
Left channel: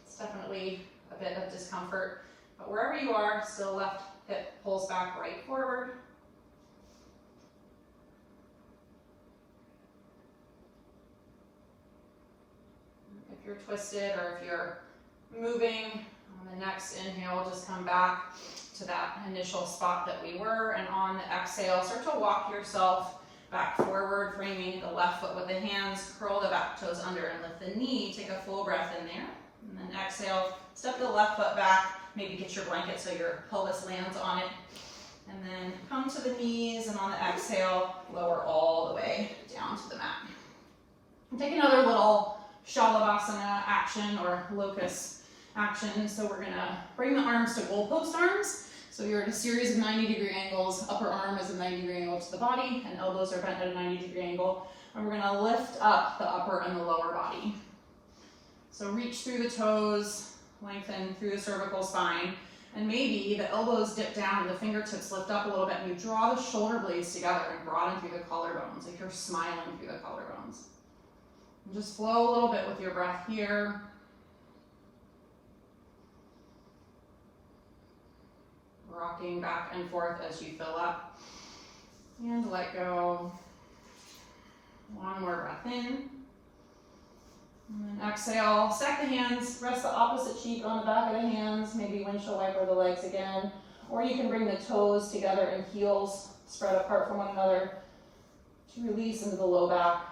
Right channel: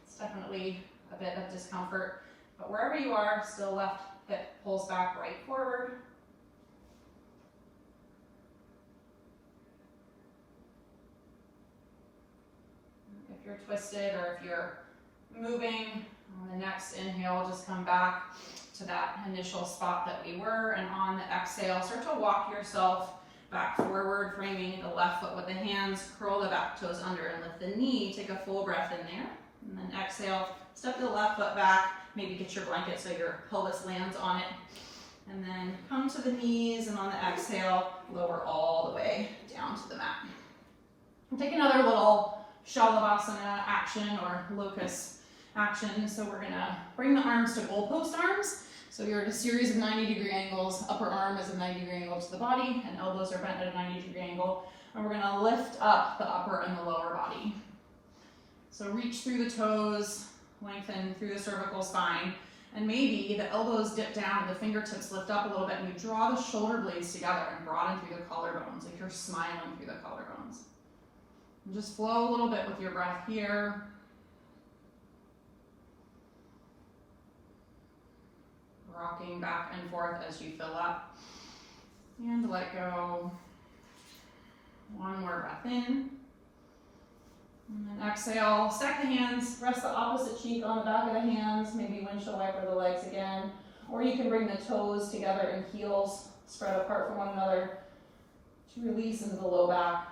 It's definitely a bit of discomfort, but wherever you are, still left hip pulls back, right forward. If you're twisted or if you're moving, on the next inhale, just come back to that initial spot that we were, and on the exhale, start to walk yourself back forward, framing the left foot with the hands, curl the back toes under and lift the knee. Take a full breath in there, and then exhale, step the left foot back, maybe get your blanket so your pelvis lands on it, and then come to the knees, and on the exhale, lower all the way down to the mat. And take another little Shalabhasana action or locust action. So we're gonna bring the arms to goalpost arms. So you're in a series of 90-degree angles. Upper arm is a 90-degree angle to the body, and elbows are bent at a 90-degree angle. And we're gonna lift up the upper and the lower body. So reach through the toes, lengthen through the cervical spine, and maybe the elbows dip down and the fingertips lift up a little bit, and you draw the shoulder blades together and broaden through the collarbones, like you're smiling through the collarbones. And just flow a little bit with your breath here. Rocking back and forth as you fill up. And let go. One more breath in. And then exhale. Stack the hands. Rest the opposite cheek on the back of the hands. Maybe windshield wiper the legs again. Or you can bring the toes together and heels spread apart from one another to release into the low back.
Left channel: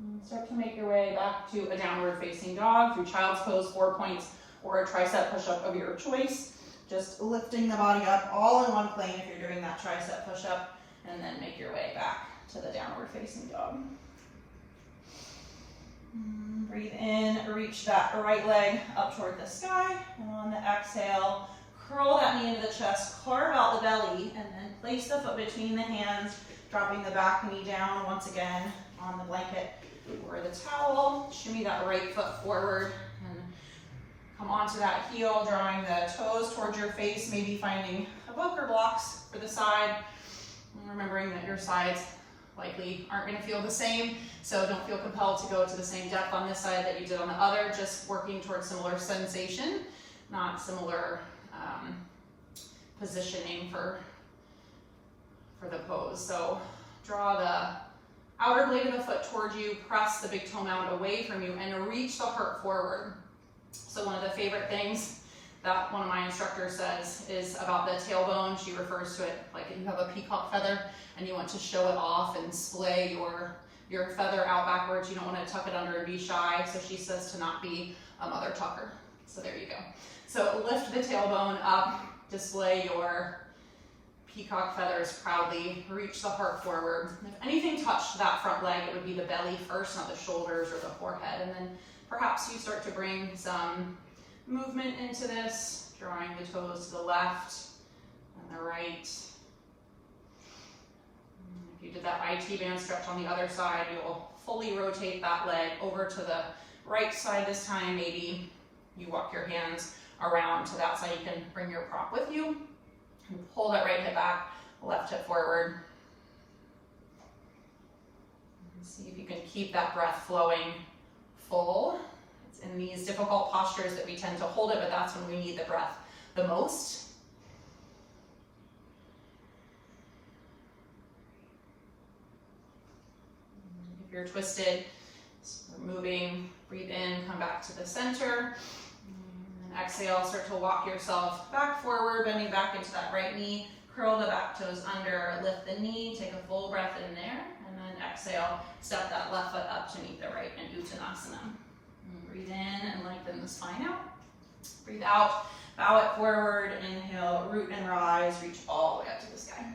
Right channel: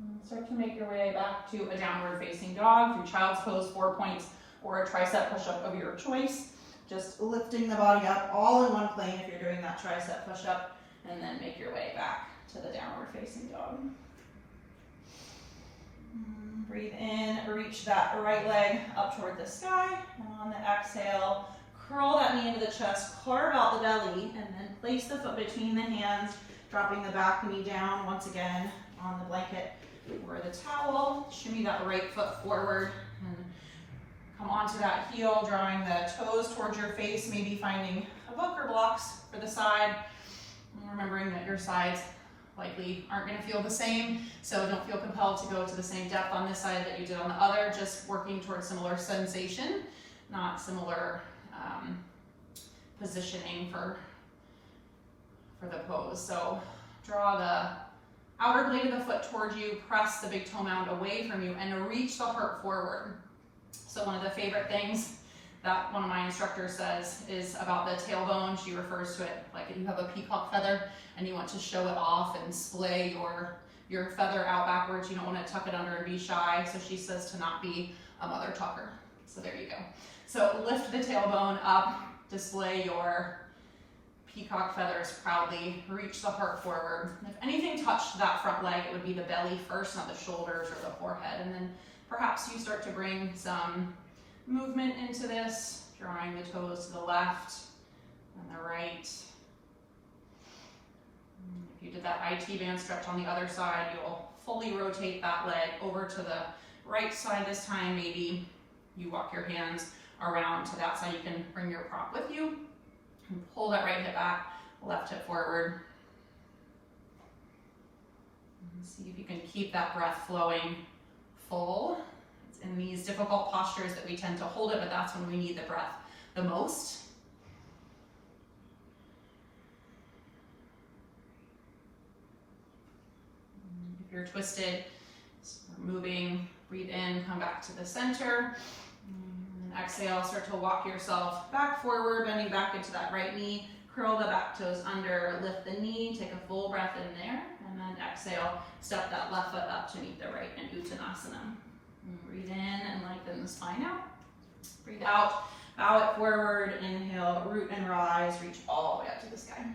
And start to make your way back to a downward facing dog through child's pose, 4 points, or a tricep push-up of your choice. Just lifting the body up all in one plane if you're doing that tricep push-up, and then make your way back to the downward facing dog. Breathe in, reach that right leg up toward the sky, and on the exhale, curl that knee into the chest, carve out the belly, and then place the foot between the hands, dropping the back knee down once again on the blanket or the towel. Shimmy that right foot forward and come onto that heel, drawing the toes towards your face, maybe finding a book or blocks for the side. And remembering that your sides likely aren't going to feel the same, so don't feel compelled to go to the same depth on this side that you did on the other, just working towards similar sensation, not similar positioning for the pose. So draw the outer blade of the foot towards you, press the big toe mound away from you, and reach the heart forward. So one of the favorite things that one of my instructors says is about the tailbone. She refers to it like you have a peacock feather and you want to show it off and splay your feather out backwards. You don't want to tuck it under and be shy. So she says to not be a mother tucker. So there you go. So lift the tailbone up, display your peacock feathers proudly, reach the heart forward. If anything touched that front leg, it would be the belly first, not the shoulders or the forehead. And then perhaps you start to bring some movement into this, drawing the toes to the left and the right. If you did that IT band stretch on the other side, you'll fully rotate that leg over to the right side this time. Maybe you walk your hands around to that side. You can bring your prop with you and pull that right hip back, left hip forward. And see if you can keep that breath flowing full. It's in these difficult postures that we tend to hold it, but that's when we need the breath the most. If you're twisted, we're moving, breathe in, come back to the center. And exhale, start to walk yourself back forward, bending back into that right knee. Curl the back toes under, lift the knee, take a full breath in there, and then exhale, step that left foot up to meet the right in Uttanasana. Breathe in and lengthen the spine out. Breathe out, bow it forward, inhale, root and rise, reach all the way up to the sky.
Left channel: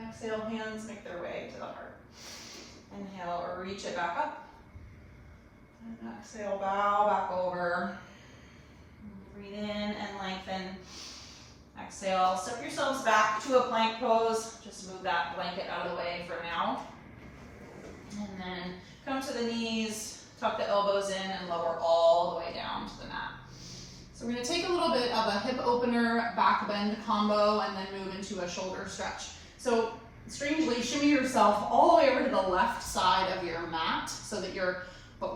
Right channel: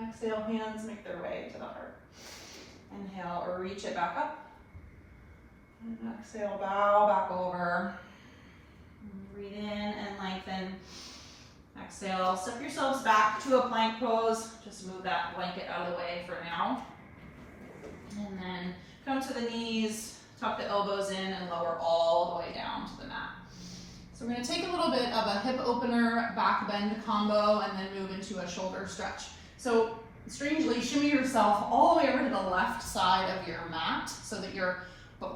Exhale, hands make their way to the heart. Inhale, or reach it back up. And exhale, bow back over. Breathe in and lengthen. Exhale, step yourselves back to a plank pose. Just move that blanket out of the way for now. And then come to the knees, tuck the elbows in, and lower all the way down to the mat. So we're going to take a little bit of a hip opener, back bend combo, and then move into a shoulder stretch. So strangely, shimmy yourself all the way over to the left side of your mat so that your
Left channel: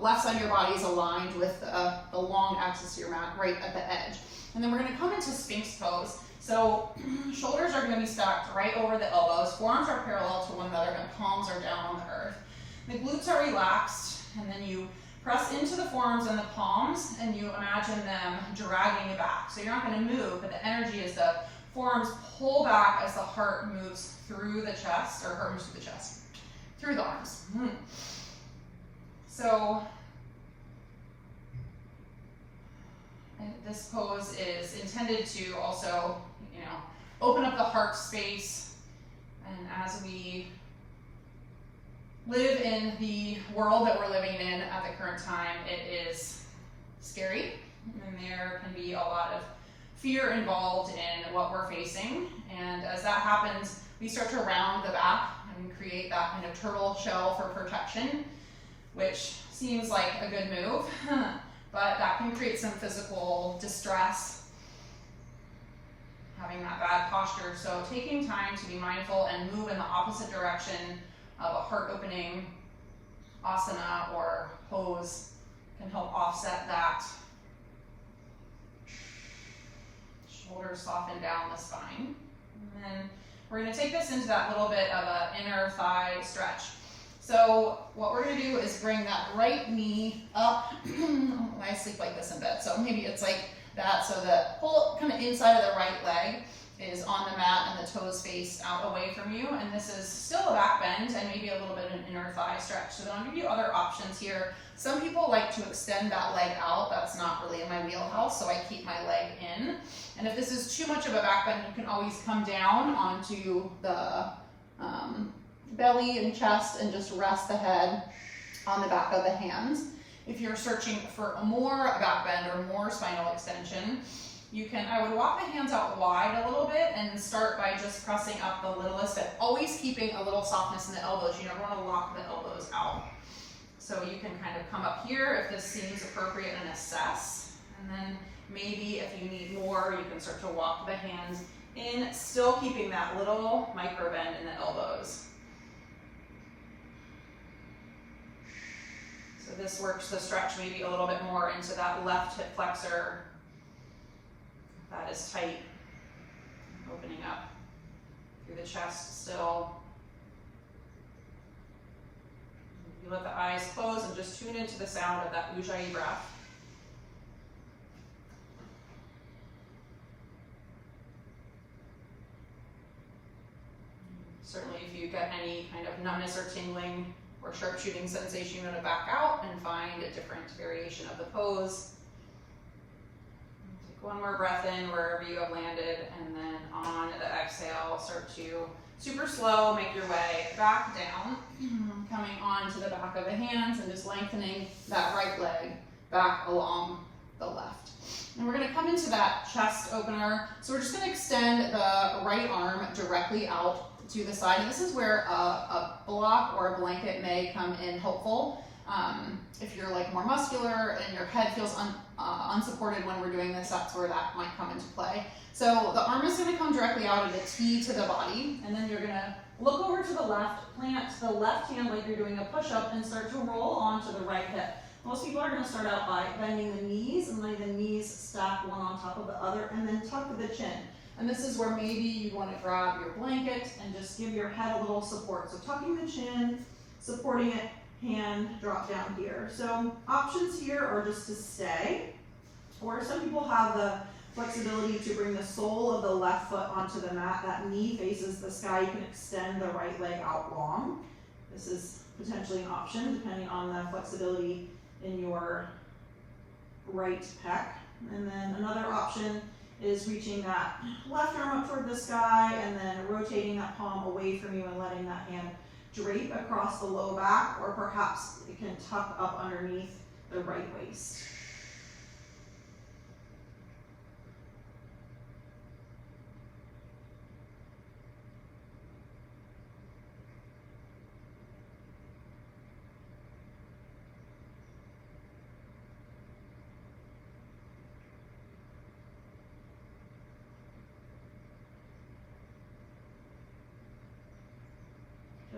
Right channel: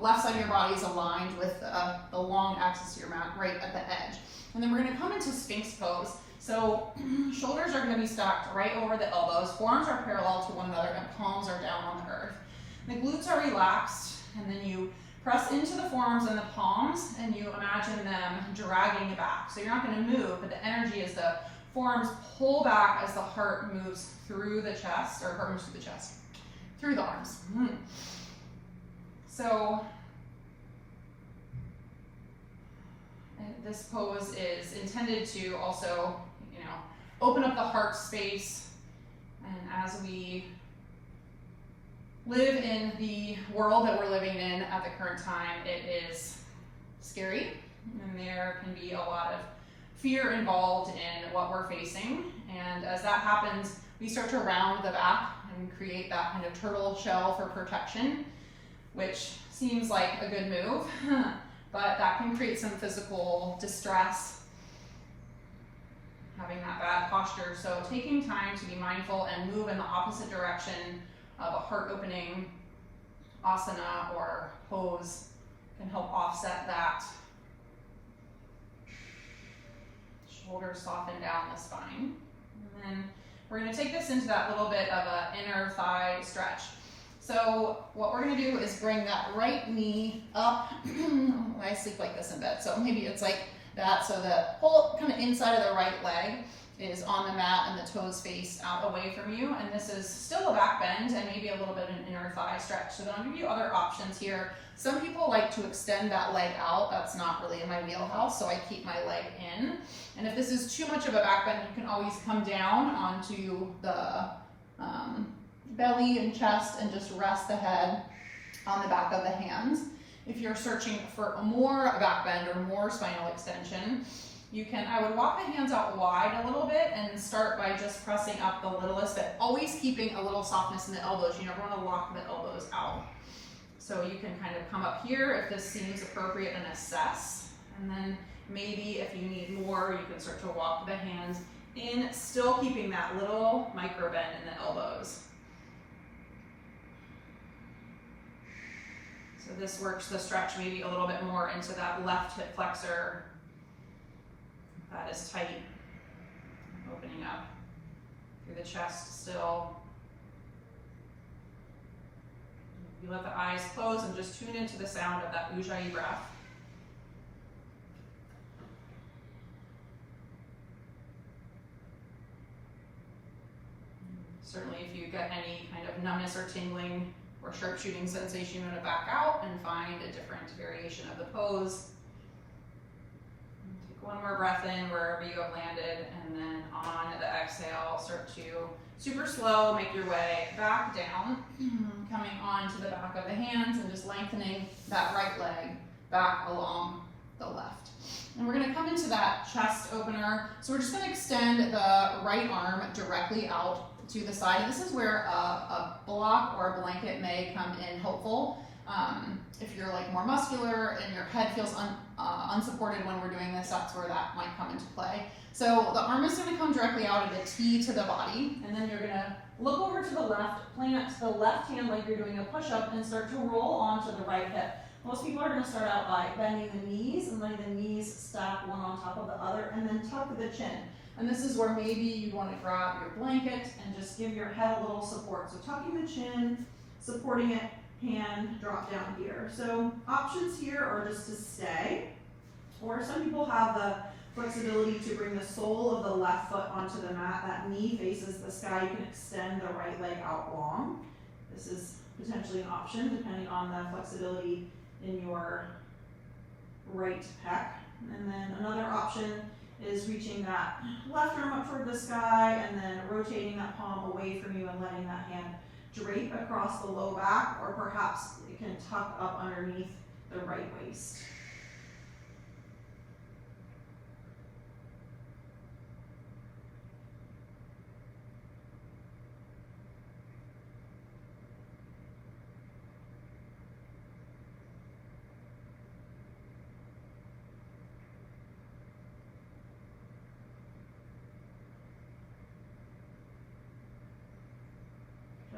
left side of your body is aligned with the long axis of your mat right at the edge. And then we're going to come into Sphinx pose. So shoulders are going to be stacked right over the elbows, forearms are parallel to one another, and palms are down on the earth. The glutes are relaxed, and then you press into the forearms and the palms, and you imagine them dragging you back. So you're not going to move, but the energy is the forearms pull back as the heart moves through the chest, or heart moves through the chest, through the arms. So this pose is intended to also, open up the heart space. And as we live in the world that we're living in at the current time, it is scary, and there can be a lot of fear involved in what we're facing. And as that happens, we start to round the back and create that kind of turtle shell for protection, which seems like a good move, but that can create some physical distress, having that bad posture. So taking time to be mindful and move in the opposite direction of a heart opening asana or pose can help offset that. Shoulders soften down the spine. And then we're going to take this into that little bit of an inner thigh stretch. So what we're going to do is bring that right knee up. I sleep like this in bed, so maybe it's like that. So the whole kind of inside of the right leg is on the mat and the toes face out away from you. And this is still a back bend and maybe a little bit of an inner thigh stretch. So then I'll give you other options here. Some people like to extend that leg out. That's not really in my wheelhouse, so I keep my leg in. And if this is too much of a back bend, you can always come down onto the belly and chest and just rest the head on the back of the hands. If you're searching for more back bend or more spinal extension, I would walk the hands out wide a little bit and start by just pressing up the littlest, but always keeping a little softness in the elbows. You never want to lock the elbows out. So you can kind of come up here if this seems appropriate and assess. And then maybe if you need more, you can start to walk the hands in, still keeping that little micro bend in the elbows. So this works the stretch maybe a little bit more into that left hip flexor. That is tight. Opening up through the chest still. You let the eyes close and just tune into the sound of that Ujjayi breath. Certainly if you get any kind of numbness or tingling or sharp shooting sensation, you want to back out and find a different variation of the pose. Take one more breath in wherever you have landed, and then on the exhale, start to super slow make your way back down, coming onto the back of the hands and just lengthening that right leg back along the left. And we're going to come into that chest opener. So we're just going to extend the right arm directly out to the side. And this is where a block or a blanket may come in helpful. If you're like more muscular and your head feels unsupported when we're doing this, that's where that might come into play. So the arm is going to come directly out at a T to the body, and then you're going to look over to the left, plant the left hand like you're doing a push-up, and start to roll onto the right hip. Most people are going to start out by bending the knees and letting the knees stack one on top of the other, and then tuck the chin. And this is where maybe you want to grab your blanket and just give your head a little support. So tucking the chin, supporting it, hand drop down here. So options here are just to stay, or some people have the flexibility to bring the sole of the left foot onto the mat. That knee faces the sky. You can extend the right leg out long. This is potentially an option depending on the flexibility in your right pec. And then another option is reaching that left arm up toward the sky and then rotating that palm away from you and letting that hand drape across the low back, or perhaps it can tuck up underneath the right waist.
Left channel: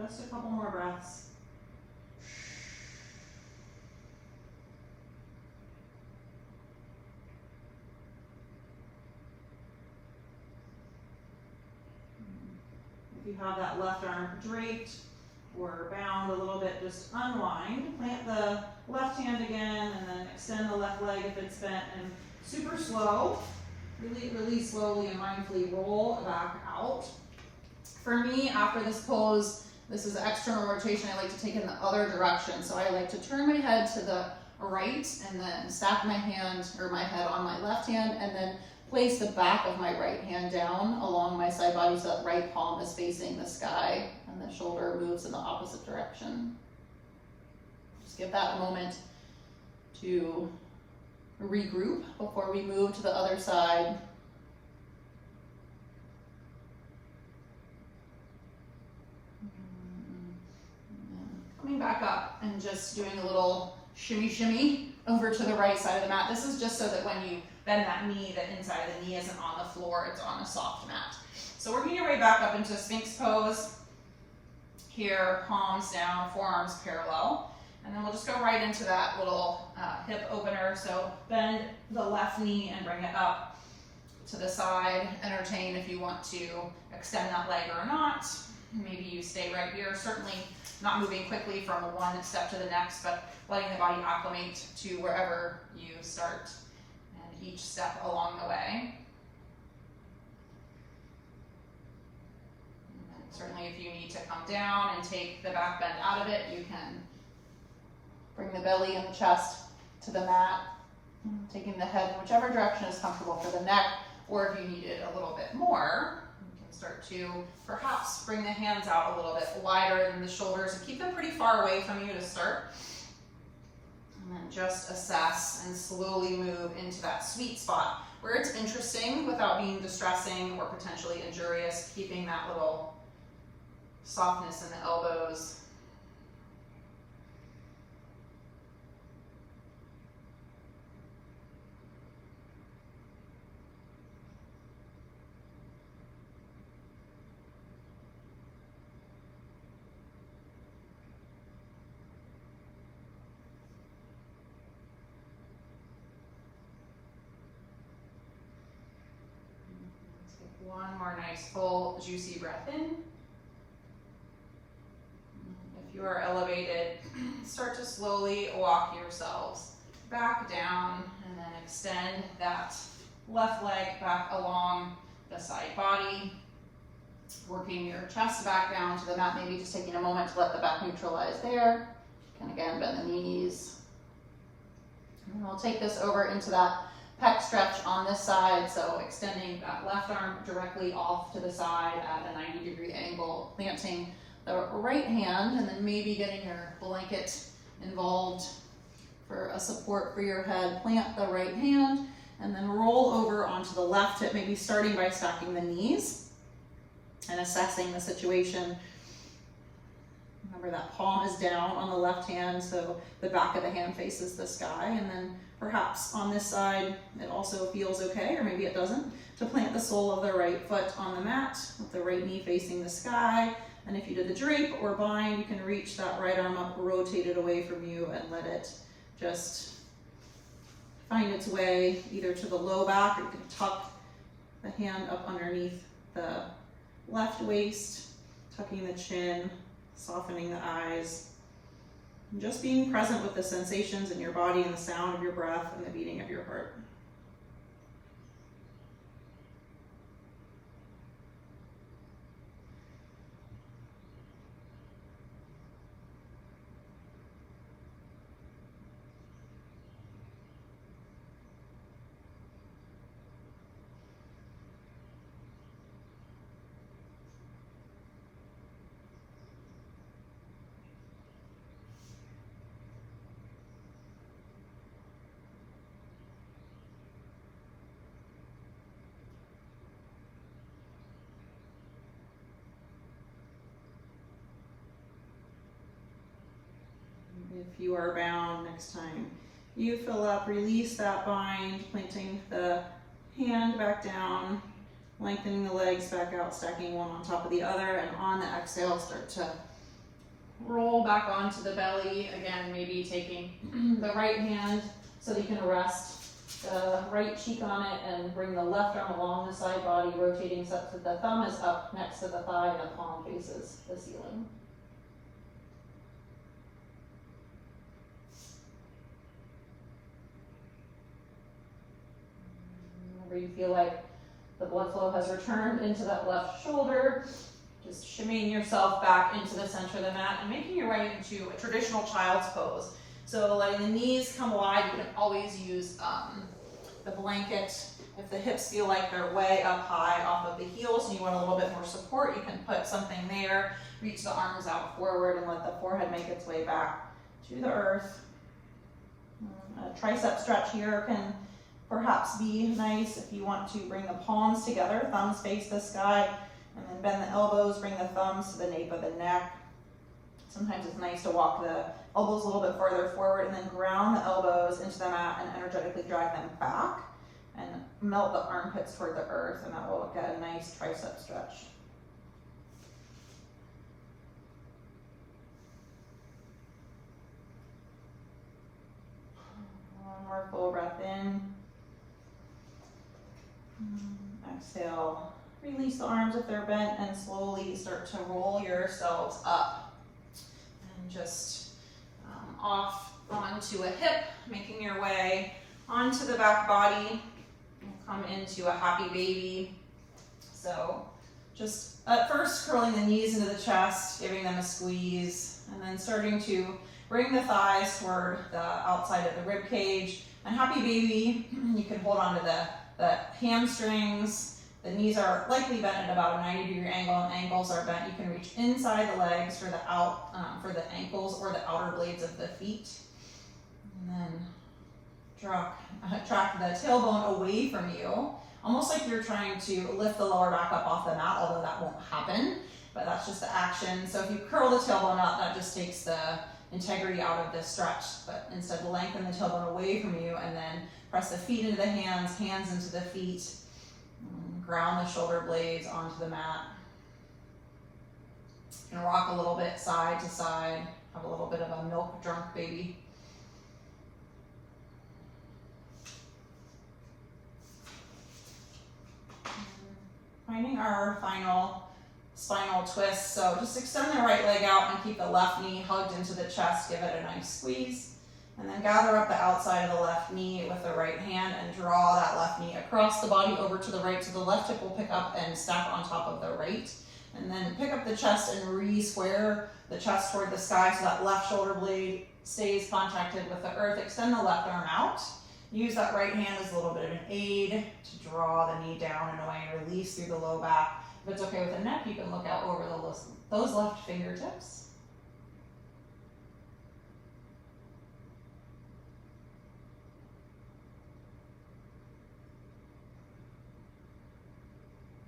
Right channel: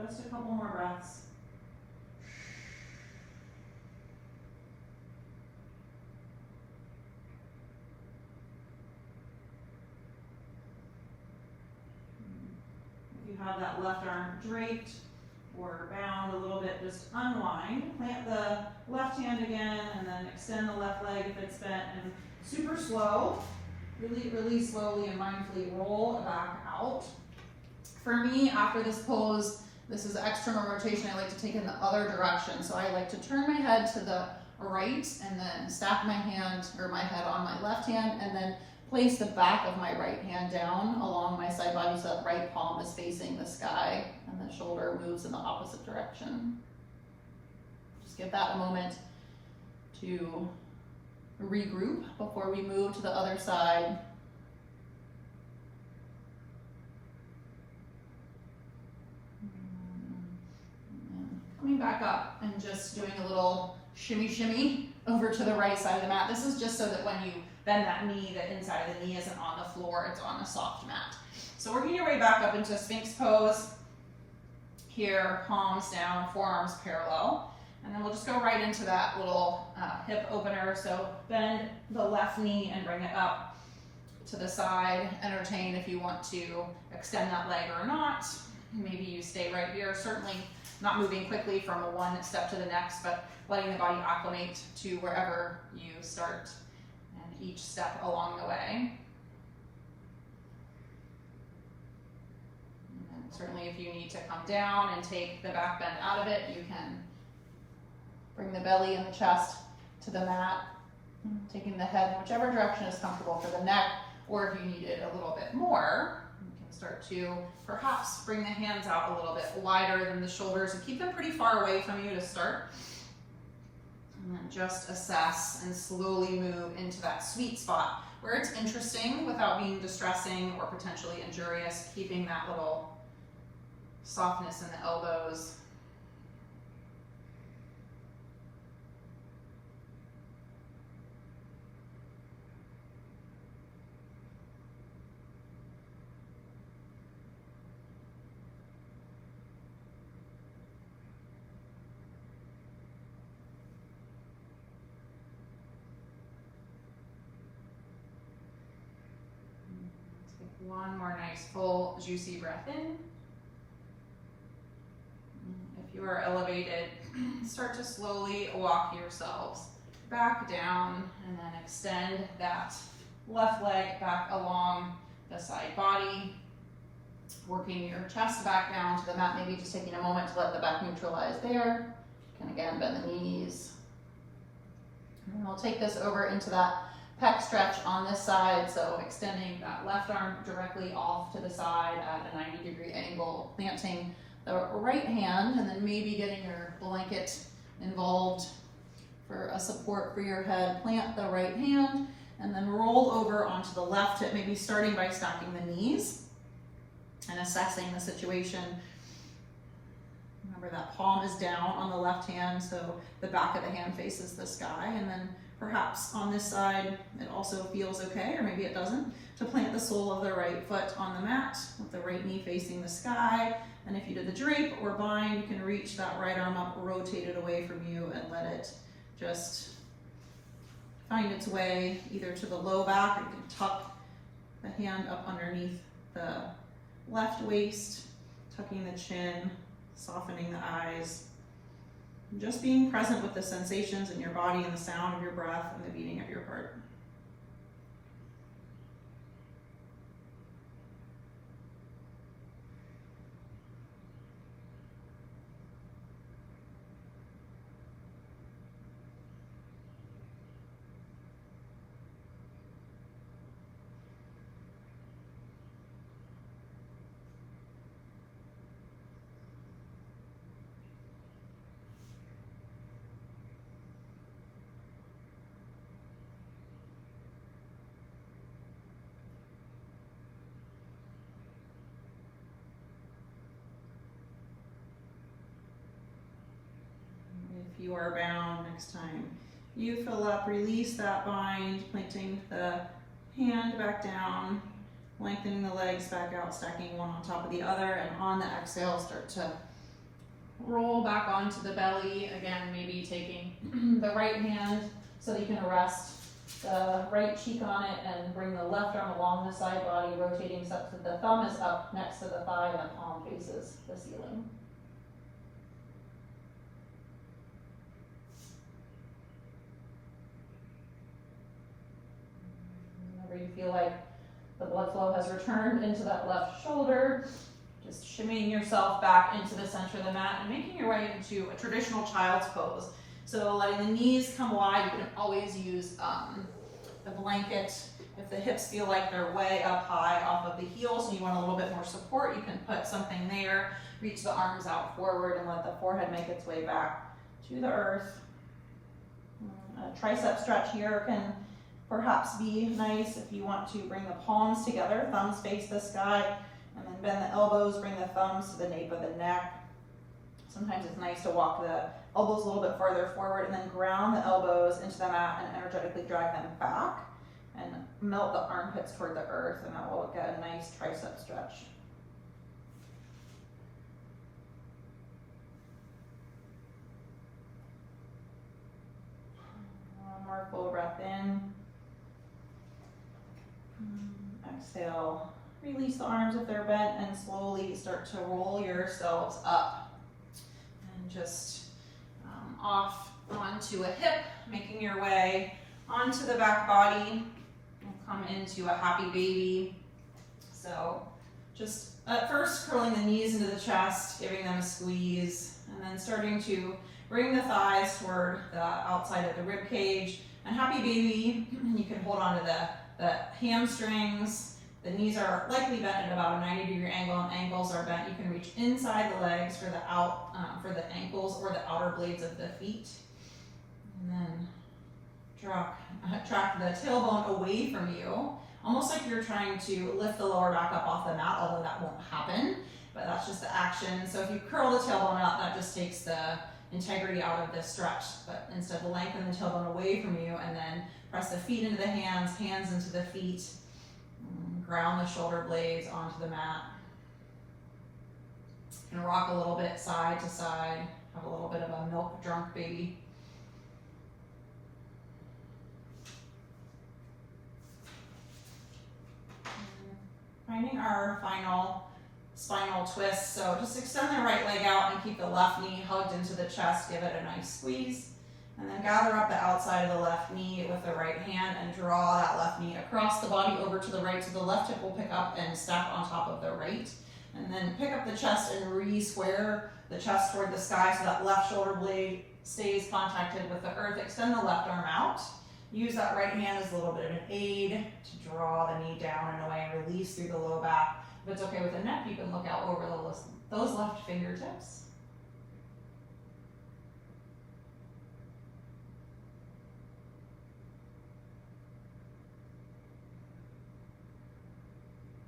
Just a couple more breaths. If you have that left arm draped or bound a little bit, just unwind. Plant the left hand again and then extend the left leg if it's bent, and super slow, really slowly and mindfully roll back out. For me, after this pose, this is external rotation. I like to take in the other direction. So I like to turn my head to the right and then stack my hand or my head on my left hand, and then place the back of my right hand down along my side body so that right palm is facing the sky and the shoulder moves in the opposite direction. Just give that a moment to regroup before we move to the other side. Coming back up and just doing a little shimmy over to the right side of the mat. This is just so that when you bend that knee, the inside of the knee isn't on the floor, it's on a soft mat. So working your way back up into Sphinx pose. Here, palms down, forearms parallel. And then we'll just go right into that little hip opener. So bend the left knee and bring it up to the side. Entertain if you want to extend that leg or not. Maybe you stay right here, certainly not moving quickly from one step to the next, but letting the body acclimate to wherever you start and each step along the way. And certainly if you need to come down and take the back bend out of it, you can bring the belly and the chest to the mat, taking the head in whichever direction is comfortable for the neck, or if you need it a little bit more, start to perhaps bring the hands out a little bit wider than the shoulders and keep them pretty far away from you to start. And then just assess and slowly move into that sweet spot where it's interesting without being distressing or potentially injurious, keeping that little softness in the elbows. One more nice full juicy breath in. If you are elevated, start to slowly walk yourselves back down and then extend that left leg back along the side body, working your chest back down to the mat, maybe just taking a moment to let the back neutralize there. You can again bend the knees. And we'll take this over into that pec stretch on this side, so extending that left arm directly off to the side at a 90-degree angle, planting the right hand, and then maybe getting your blanket involved for a support for your head. Plant the right hand, and then roll over onto the left hip, maybe starting by stacking the knees and assessing the situation. Remember that palm is down on the left hand, so the back of the hand faces the sky, and then perhaps on this side it also feels okay, or maybe it doesn't, to plant the sole of the right foot on the mat with the right knee facing the sky. And if you did the drape or bind, you can reach that right arm up, rotate it away from you, and let it just find its way either to the low back, or you can tuck the hand up underneath the left waist, tucking the chin, softening the eyes, and just being present with the sensations in your body and the sound of your breath and the beating of your heart. If you are bound, next time you fill up, release that bind, planting the hand back down, lengthening the legs back out, stacking one on top of the other, and on the exhale, start to roll back onto the belly. Again, maybe taking the right hand so that you can rest the right cheek on it and bring the left arm along the side body, rotating such that the thumb is up next to the thigh and the palm faces the ceiling. Whenever you feel like the blood flow has returned into that left shoulder, just shimmying yourself back into the center of the mat and making your way into a traditional child's pose. So letting the knees come wide, you can always use the blanket. If the hips feel like they're way up high off of the heels and you want a little bit more support, you can put something there. Reach the arms out forward and let the forehead make its way back to the earth. A tricep stretch here can perhaps be nice if you want to bring the palms together, thumbs face the sky, and then bend the elbows, bring the thumbs to the nape of the neck. Sometimes it's nice to walk the elbows a little bit farther forward and then ground the elbows into the mat and energetically drag them back and melt the armpits toward the earth, and that will get a nice tricep stretch. One more full breath in. Exhale, release the arms if they're bent and slowly start to roll yourselves up. And just off onto a hip, making your way onto the back body. We'll come into a happy baby. So just at first curling the knees into the chest, giving them a squeeze, and then starting to bring the thighs toward the outside of the rib cage. And happy baby, you can hold on to the hamstrings. The knees are likely bent at about a 90-degree angle, and ankles are bent. You can reach inside the legs for the ankles or the outer blades of the feet. And then track the tailbone away from you, almost like you're trying to lift the lower back up off the mat, although that won't happen, but that's just the action. So if you curl the tailbone up, that just takes the integrity out of the stretch, but instead lengthen the tailbone away from you and then press the feet into the hands, hands into the feet, ground the shoulder blades onto the mat. You can rock a little bit side to side, have a little bit of a milk drunk baby. Finding our final spinal twist. So just extend the right leg out and keep the left knee hugged into the chest. Give it a nice squeeze. And then gather up the outside of the left knee with the right hand and draw that left knee across the body over to the right. So the left hip will pick up and stack on top of the right. And then pick up the chest and re-square the chest toward the sky so that left shoulder blade stays contacted with the earth. Extend the left arm out. Use that right hand as a little bit of an aid to draw the knee down and away, release through the low back. If it's okay with the neck, you can look out over those left fingertips.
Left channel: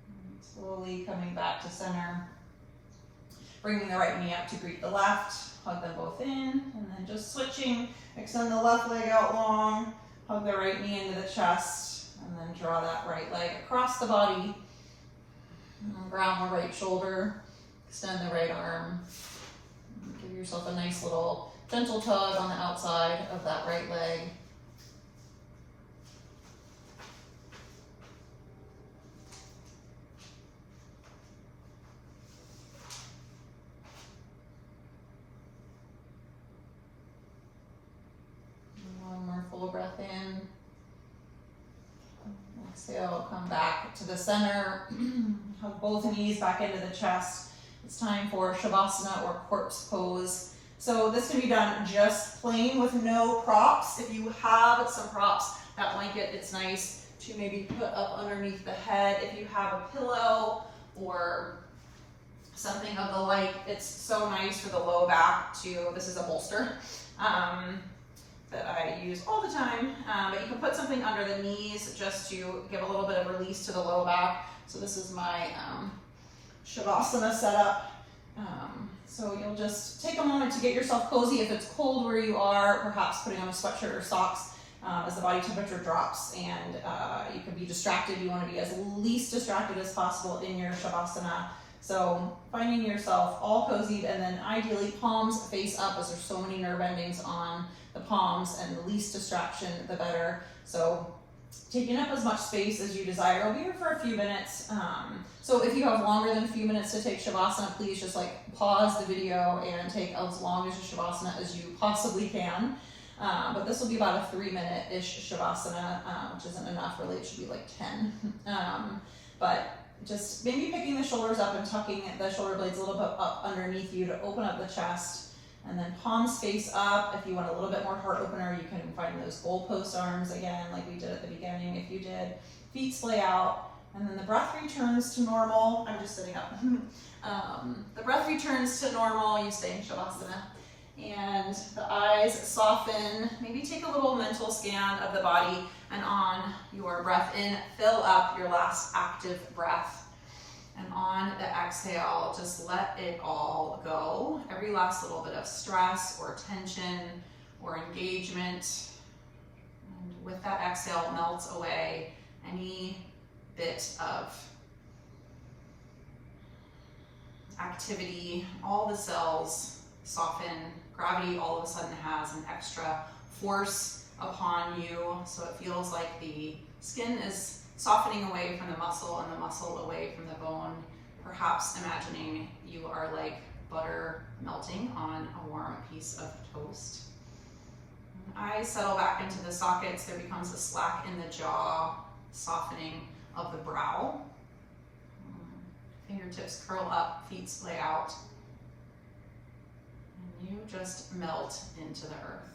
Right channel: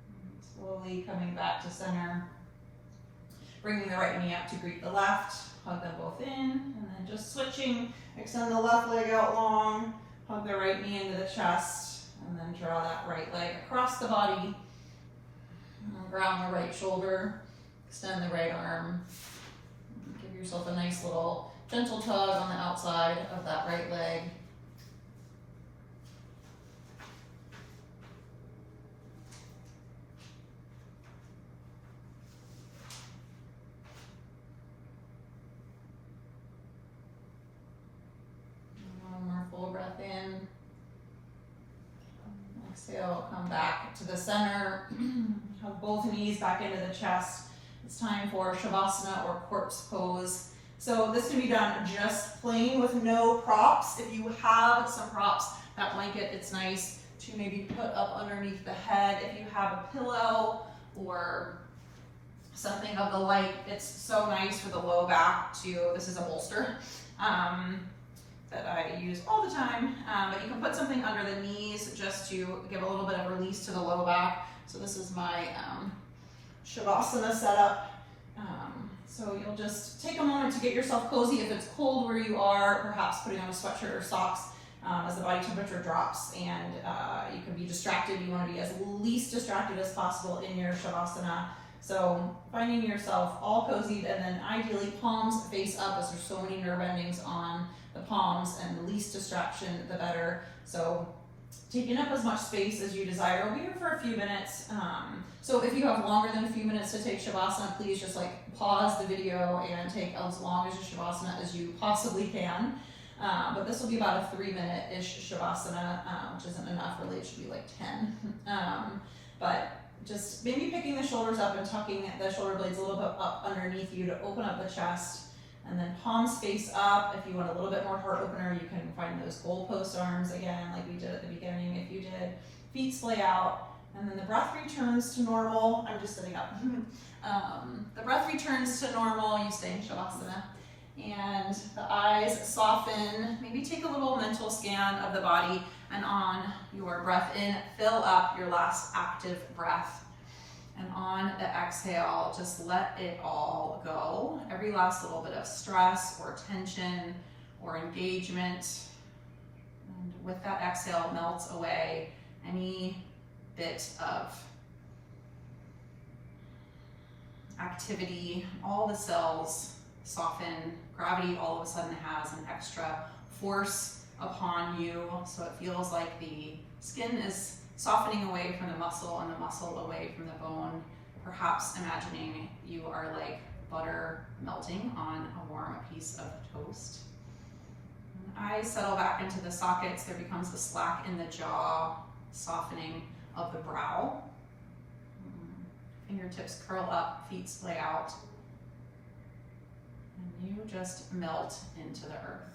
And slowly coming back to center. Bringing the right knee up to greet the left. Hug them both in, and then just switching. Extend the left leg out long. Hug the right knee into the chest, and then draw that right leg across the body. Ground the right shoulder, extend the right arm. Give yourself a nice little gentle tug on the outside of that right leg. One more full breath in. Exhale, come back to the center. Hug both knees back into the chest. It's time for Shavasana or corpse pose. So this can be done just plain with no props. If you have some props, that blanket, it's nice to maybe put up underneath the head. If you have a pillow or something of the like, it's so nice for the low back to, this is a bolster. That I use all the time, but you can put something under the knees just to give a little bit of release to the low back. So this is my Shavasana setup. So you'll just take a moment to get yourself cozy. If it's cold where you are, perhaps putting on a sweatshirt or socks as the body temperature drops, and you can be distracted. You want to be as least distracted as possible in your Shavasana. So finding yourself all cozied, and then ideally palms face up, as there's so many nerve endings on the palms, and the least distraction, the better. So taking up as much space as you desire. We'll be here for a few minutes. So if you have longer than a few minutes to take Shavasana, please just like pause the video and take as long as Shavasana as you possibly can. But this will be about a 3-minute-ish Shavasana, which isn't enough, really, it should be like 10. But just maybe picking the shoulders up and tucking the shoulder blades a little bit up underneath you to open up the chest. And then palms face up. If you want a little bit more heart opener, you can find those goalpost arms again, like we did at the beginning. If you did, feet splay out, and then the breath returns to normal. I'm just sitting up. The breath returns to normal. You stay in Shavasana, and the eyes soften. Maybe take a little mental scan of the body, and on your breath in, fill up your last active breath. And on the exhale, just let it all go. Every last little bit of stress or tension or engagement. And with that exhale, melts away any bit of activity. All the cells soften. Gravity all of a sudden has an extra force upon you. So it feels like the skin is softening away from the muscle and the muscle away from the bone, perhaps imagining you are like butter melting on a warm piece of toast. And eyes settle back into the sockets. There becomes a slack in the jaw, softening of the brow. Fingertips curl up, feet splay out, and you just melt into the earth.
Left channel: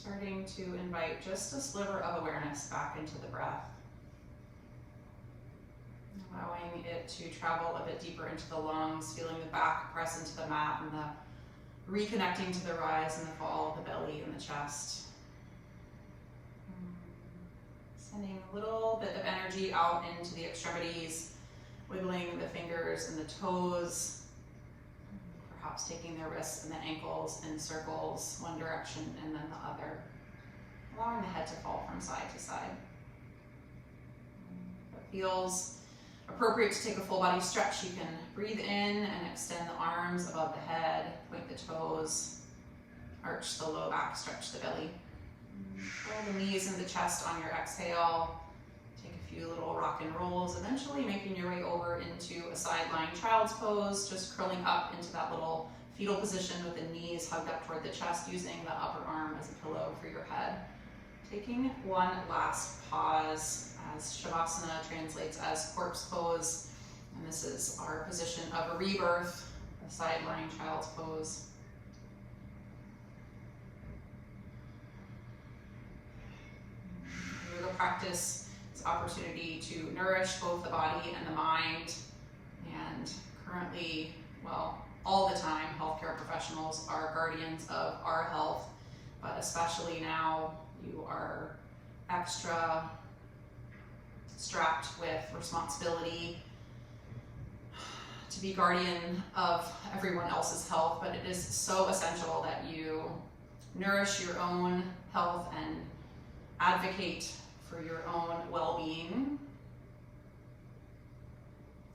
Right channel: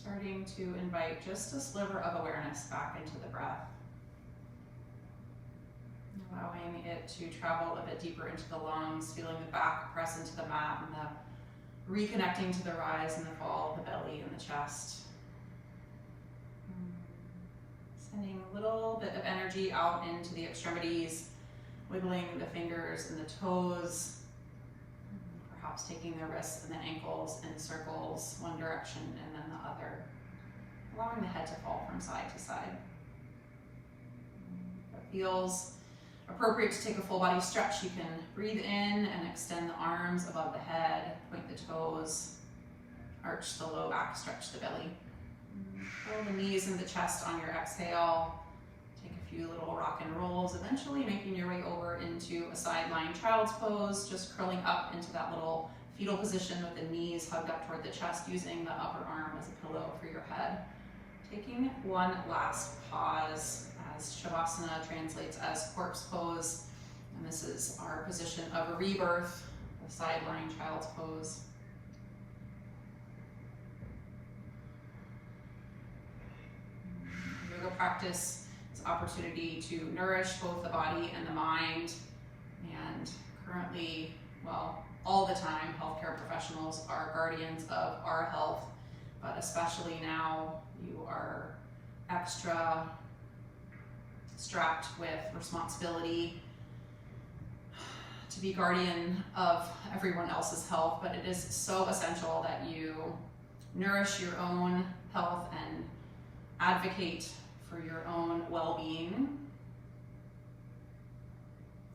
Starting to invite just a sliver of awareness back into the breath. Allowing it to travel a bit deeper into the lungs, feeling the back press into the mat and the reconnecting to the rise and the fall of the belly and the chest. Sending a little bit of energy out into the extremities, wiggling the fingers and the toes, perhaps taking the wrists and the ankles in circles, one direction and then the other, allowing the head to fall from side to side. If it feels appropriate to take a full body stretch, you can breathe in and extend the arms above the head, point the toes, arch the low back, stretch the belly. Roll the knees and the chest on your exhale. Take a few little rock and rolls, eventually making your way over into a side lying child's pose, just curling up into that little fetal position with the knees hugged up toward the chest, using the upper arm as a pillow for your head. Taking one last pause, as Shavasana translates as corpse pose, and this is our position of a rebirth, a side lying child's pose. Yoga practice is opportunity to nourish both the body and the mind, and currently, well, all the time, healthcare professionals are guardians of our health, but especially now you are extra strapped with responsibility to be guardian of everyone else's health, but it is so essential that you nourish your own health and advocate for your own well-being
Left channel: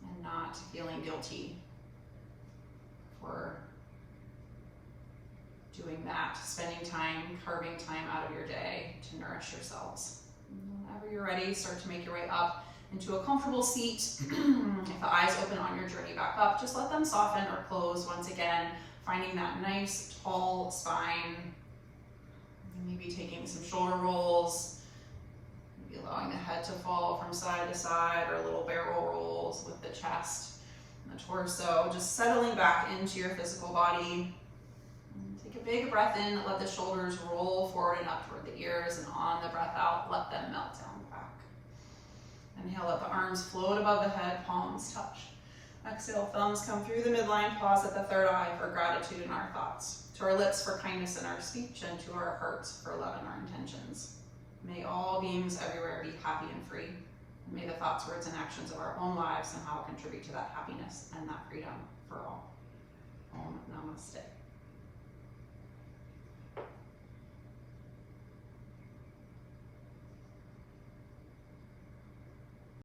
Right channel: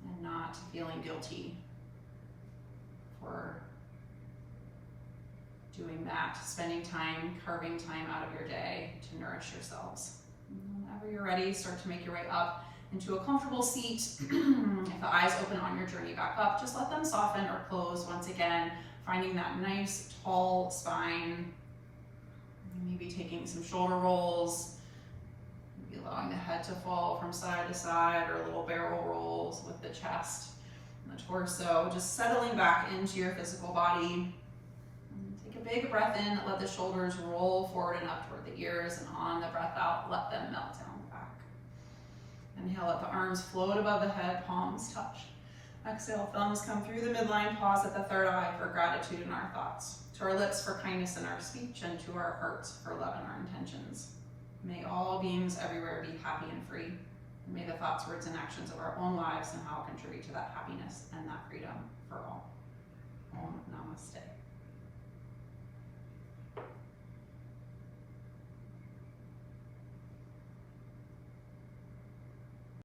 and not feeling guilty for doing that, spending time, carving time out of your day to nourish yourselves. Whenever you're ready, start to make your way up into a comfortable seat. If the eyes open on your journey back up, just let them soften or close once again, finding that nice tall spine. Maybe taking some shoulder rolls, maybe allowing the head to fall from side to side, or little barrel rolls with the chest and the torso, just settling back into your physical body. Take a big breath in, let the shoulders roll forward and up toward the ears, and on the breath out, let them melt down back. Inhale, let the arms float above the head, palms touch. Exhale, thumbs come through the midline, pause at the third eye for gratitude in our thoughts, to our lips for kindness in our speech, and to our hearts for love in our intentions. May all beings everywhere be happy and free. And may the thoughts, words, and actions of our own lives somehow contribute to that happiness and that freedom for all. Om Namaste.